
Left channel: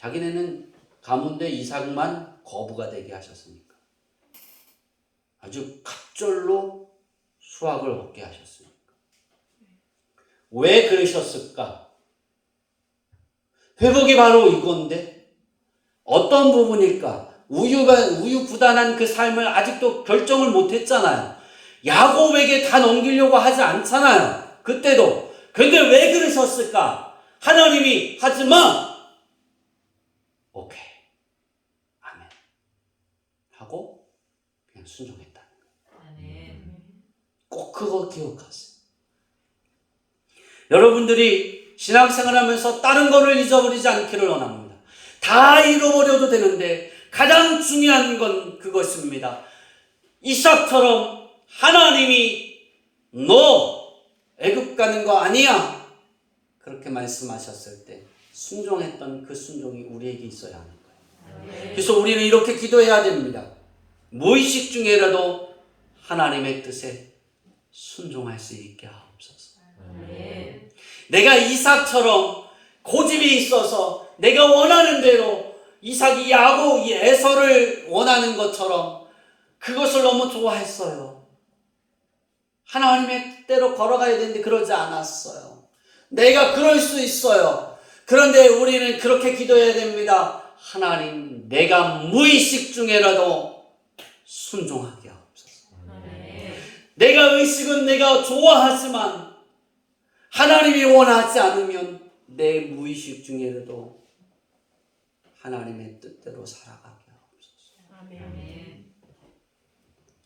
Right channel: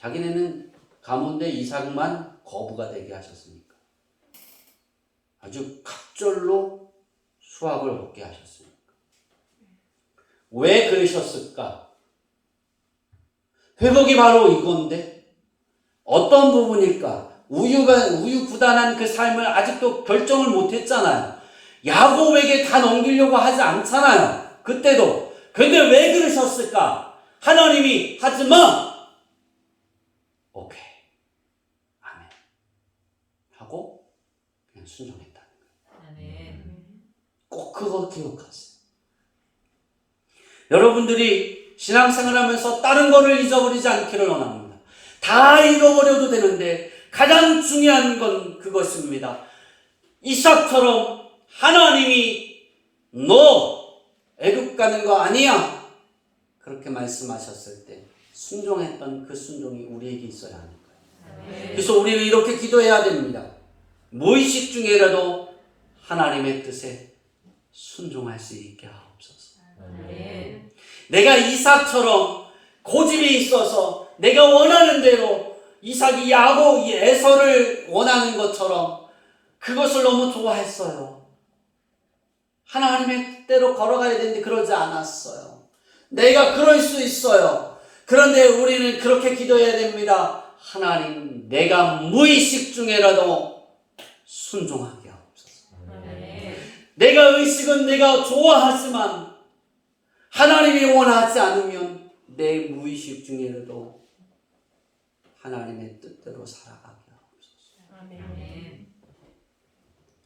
자기네는 가문데 이삭만 거부가 되게 하셨으니까. 아주 갑절로 수확을 얻게 하셨으니까. 왜 그러셨을까? 회복이 바로 이건데 어떤 부분일까? 우유부단한 그 삶을 아직도 결정을 못했잖아요. 야곱에게 다 넘기려고 하지 않잖아요. 그때도. 근데 왜 그러셨을까? 하나님이 하지마. 오케이. 아멘. 하고 그냥 순종했다. 꼭 그거 기억하세요. 여러분들이 신앙생활하면서 다른 거를 잊어버리지 않기를 원합니다. 다 잃어버려도 되는데 가장 중요한 건 그것입니다. 이삭처럼 하나님이 너 애굽 가는 거 아니야 그렇게 말씀하셨을 때 순종했던 그 순종이 우리에게 있어야 하는 거예요. 그래서 우리는 이렇게 기도해야 됩니다. 무의식 중에라도 하나님의 뜻에 순종할 수 있게 하옵소서. 내가 이삭처럼 고집이 있어서 내가 원하는 대로 이삭이 야곱, 에서를 원하는 것처럼 그것을 너무 좋아했어요. 하나님의 뜻대로 걸어가야 되는데 그러지 않았어요. 내가 그럴 수 있어요. 그런데 우리는 그렇게 기도해야 됩니다. 하나님, 내가 무의식 중에라도 순종하게 하옵소서. 내가 의식은 내가 좋아하지만 하나님이 원하지 않으면 내 무의식 중에라도 하나님의 뜻대로 살아가게 하옵소서.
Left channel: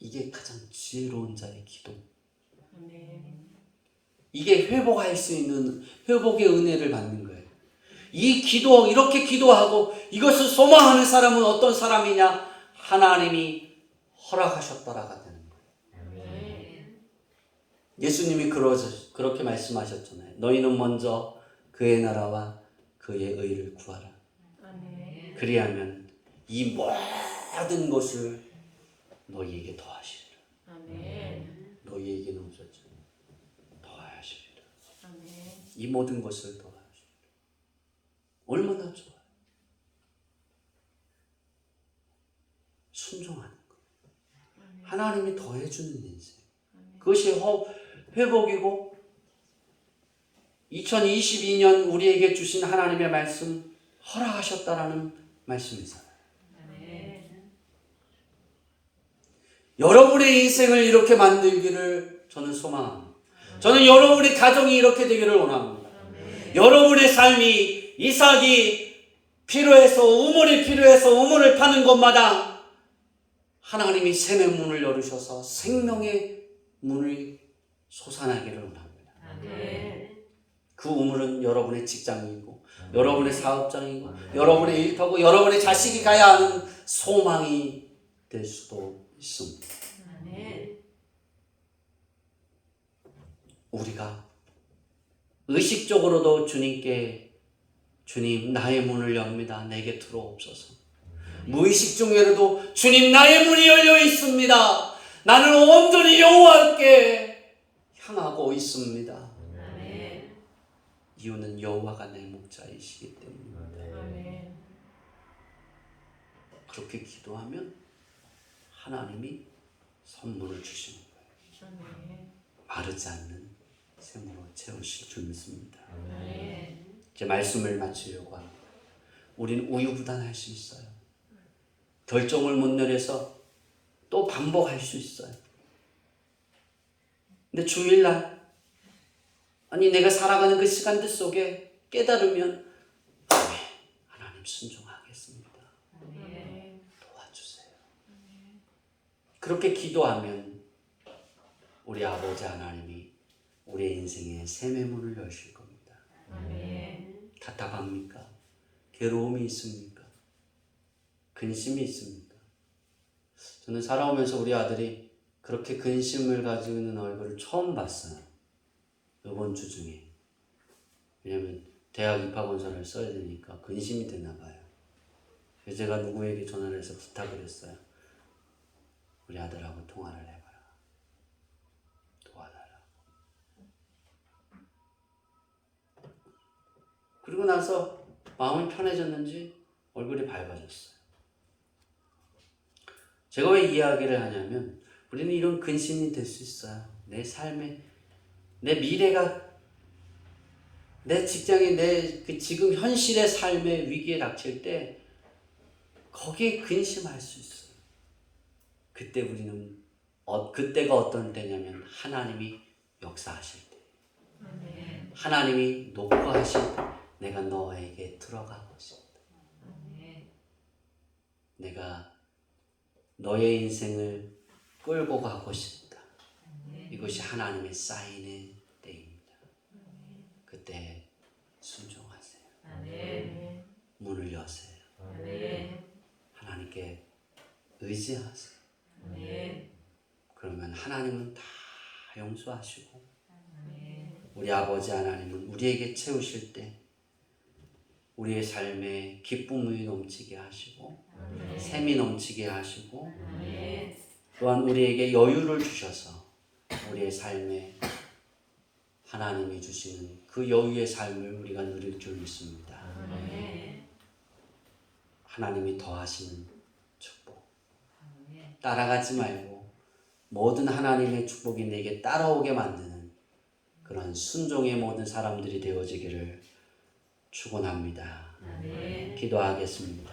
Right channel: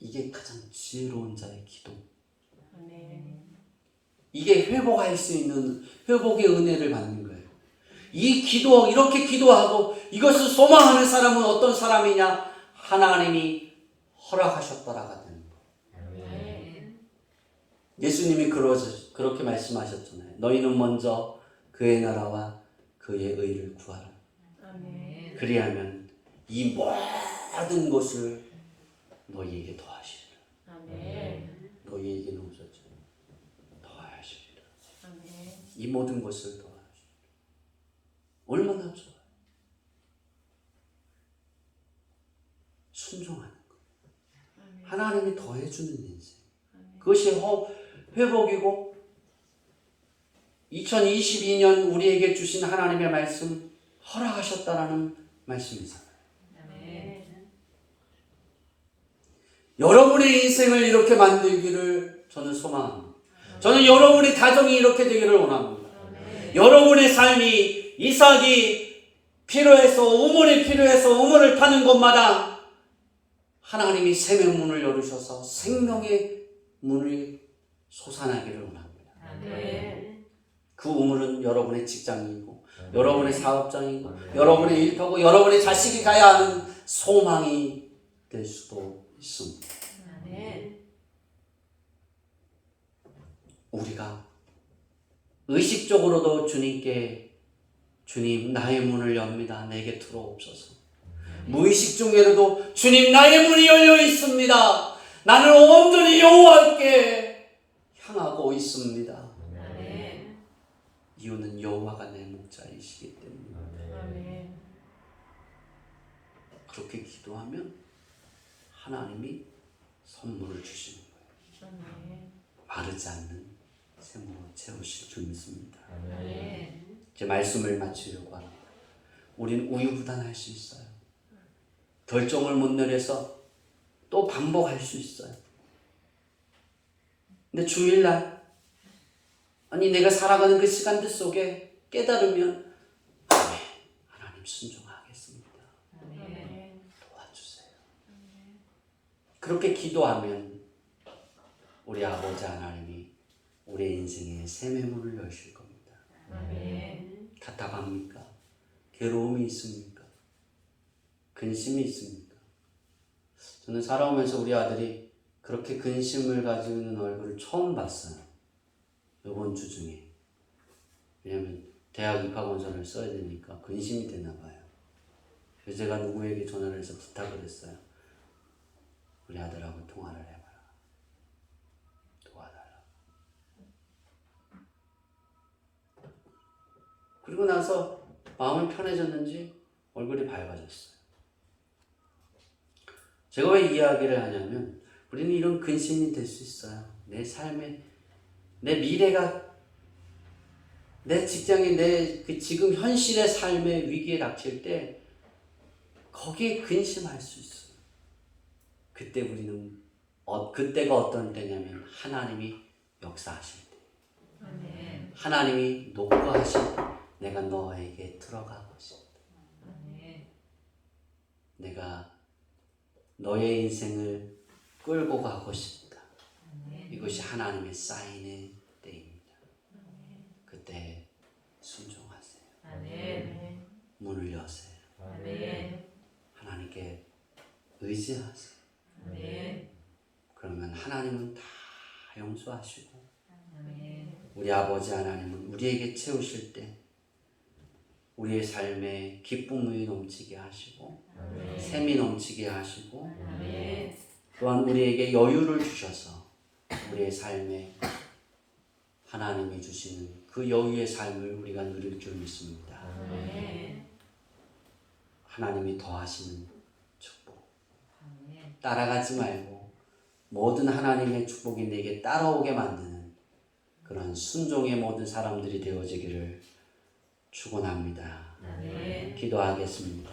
이게 가장 지혜로운 자의 기도. 이게 회복할 수 있는 회복의 은혜를 받는 거예요. 이 기도, 이렇게 기도하고 이것을 소망하는 사람은 어떤 사람이냐? 하나님이 허락하셨더라가 되는 거예요. 예수님이 그렇게 말씀하셨잖아요. 너희는 먼저 그의 나라와 그의 의를 구하라. 그리하면 이 모든 것을 너희에게 더하시리라. 너희에게는 없었죠. 더하시리라. 이 모든 것을 더하시리라. 얼마나 좋아요. 순종하는 것. 하나님이 더해주는 인생. 그것이 회복이고 2022년 우리에게 주신 하나님의 말씀 허락하셨다라는 말씀이잖아요. 여러분의 인생을 이렇게 만들기를 저는 소망합니다. 저는 여러분의 가정이 이렇게 되기를 원합니다. 여러분의 삶이 이삭이 필요해서 우물이 필요해서 우물을 타는 곳마다 하나님이 생명문을 열으셔서 생명의 문을 솟아나기를 원합니다. 그 우물은 여러분의 직장이고 여러분의 사업장이고 여러분의 일터고 여러분의 자식이 가야 하는 소망이 될 수도 있습니다. 우리가 의식적으로도 주님께 주님 나의 문을 엽니다. 내게 들어옵소서. 무의식 중에라도 주님 나의 문이 열려 있습니다. 나는 온전히 여호와께 향하고 있습니다. 이유는 여호와가 내 목자이시기 때문입니다. 그렇게 기도하면 하나님이 선물을 주시는 거예요. 마르지 않는 샘으로 채우실 줄 믿습니다. 제 말씀을 마치려고 합니다. 우린 우유부단할 수 있어요. 결정을 못 내려서 또 반복할 수 있어요. 근데 주일날 아니 내가 살아가는 그 시간들 속에 깨달으면 하나님 순종하겠습니다. 도와주세요. 그렇게 기도하면 우리 아버지 하나님이 우리의 인생에 샘의 문을 여실 겁니다. 답답합니까? 괴로움이 있습니까? 근심이 있습니까? 저는 살아오면서 우리 아들이 그렇게 근심을 가지고 있는 얼굴을 처음 봤어요. 이번 주 중에. 왜냐면 대학 입학원서를 써야 되니까 근심이 됐나 봐요. 그래서 제가 누구에게 전화를 해서 부탁을 했어요. 우리 아들하고 통화를 해봐라. 도와달라. 그리고 나서 마음이 편해졌는지 얼굴이 밝아졌어요. 제가 왜 이야기를 하냐면 우리는 이런 근심이 될 수 있어요. 내 삶에 내 미래가 내 직장이 내 그 지금 현실의 삶의 위기에 닥칠 때 거기에 근심할 수 있어요. 그때 우리는 그때가 어떤 때냐면 하나님이 역사하실 때 아멘. 하나님이 놓고 하신 내가 너에게 들어가고 싶다. 아멘. 내가 너의 인생을 끌고 가고 싶다. 아멘. 이것이 하나님의 사인의 때입니다. 그때 순종하세요. 아멘. 문을 여세요. 아멘. 하나님께 의지하세요. 아멘. 그러면 하나님은 다 용서하시고 아멘. 우리 아버지 하나님은 우리에게 채우실 때 우리의 삶에 기쁨이 넘치게 하시고 아멘. 샘이 넘치게 하시고 아멘. 또한 우리에게 여유를 주셔서 우리의 삶에 하나님이 주시는 그 여유의 삶을 우리가 누릴 줄 믿습니다. 아멘. 하나님이 더하시는 축복. 아멘. 따라가지 말고 모든 하나님의 축복이 내게 따라오게 만드는 그런 순종의 모든 사람들이 되어지기를 축원합니다. 아멘. 기도하겠습니다.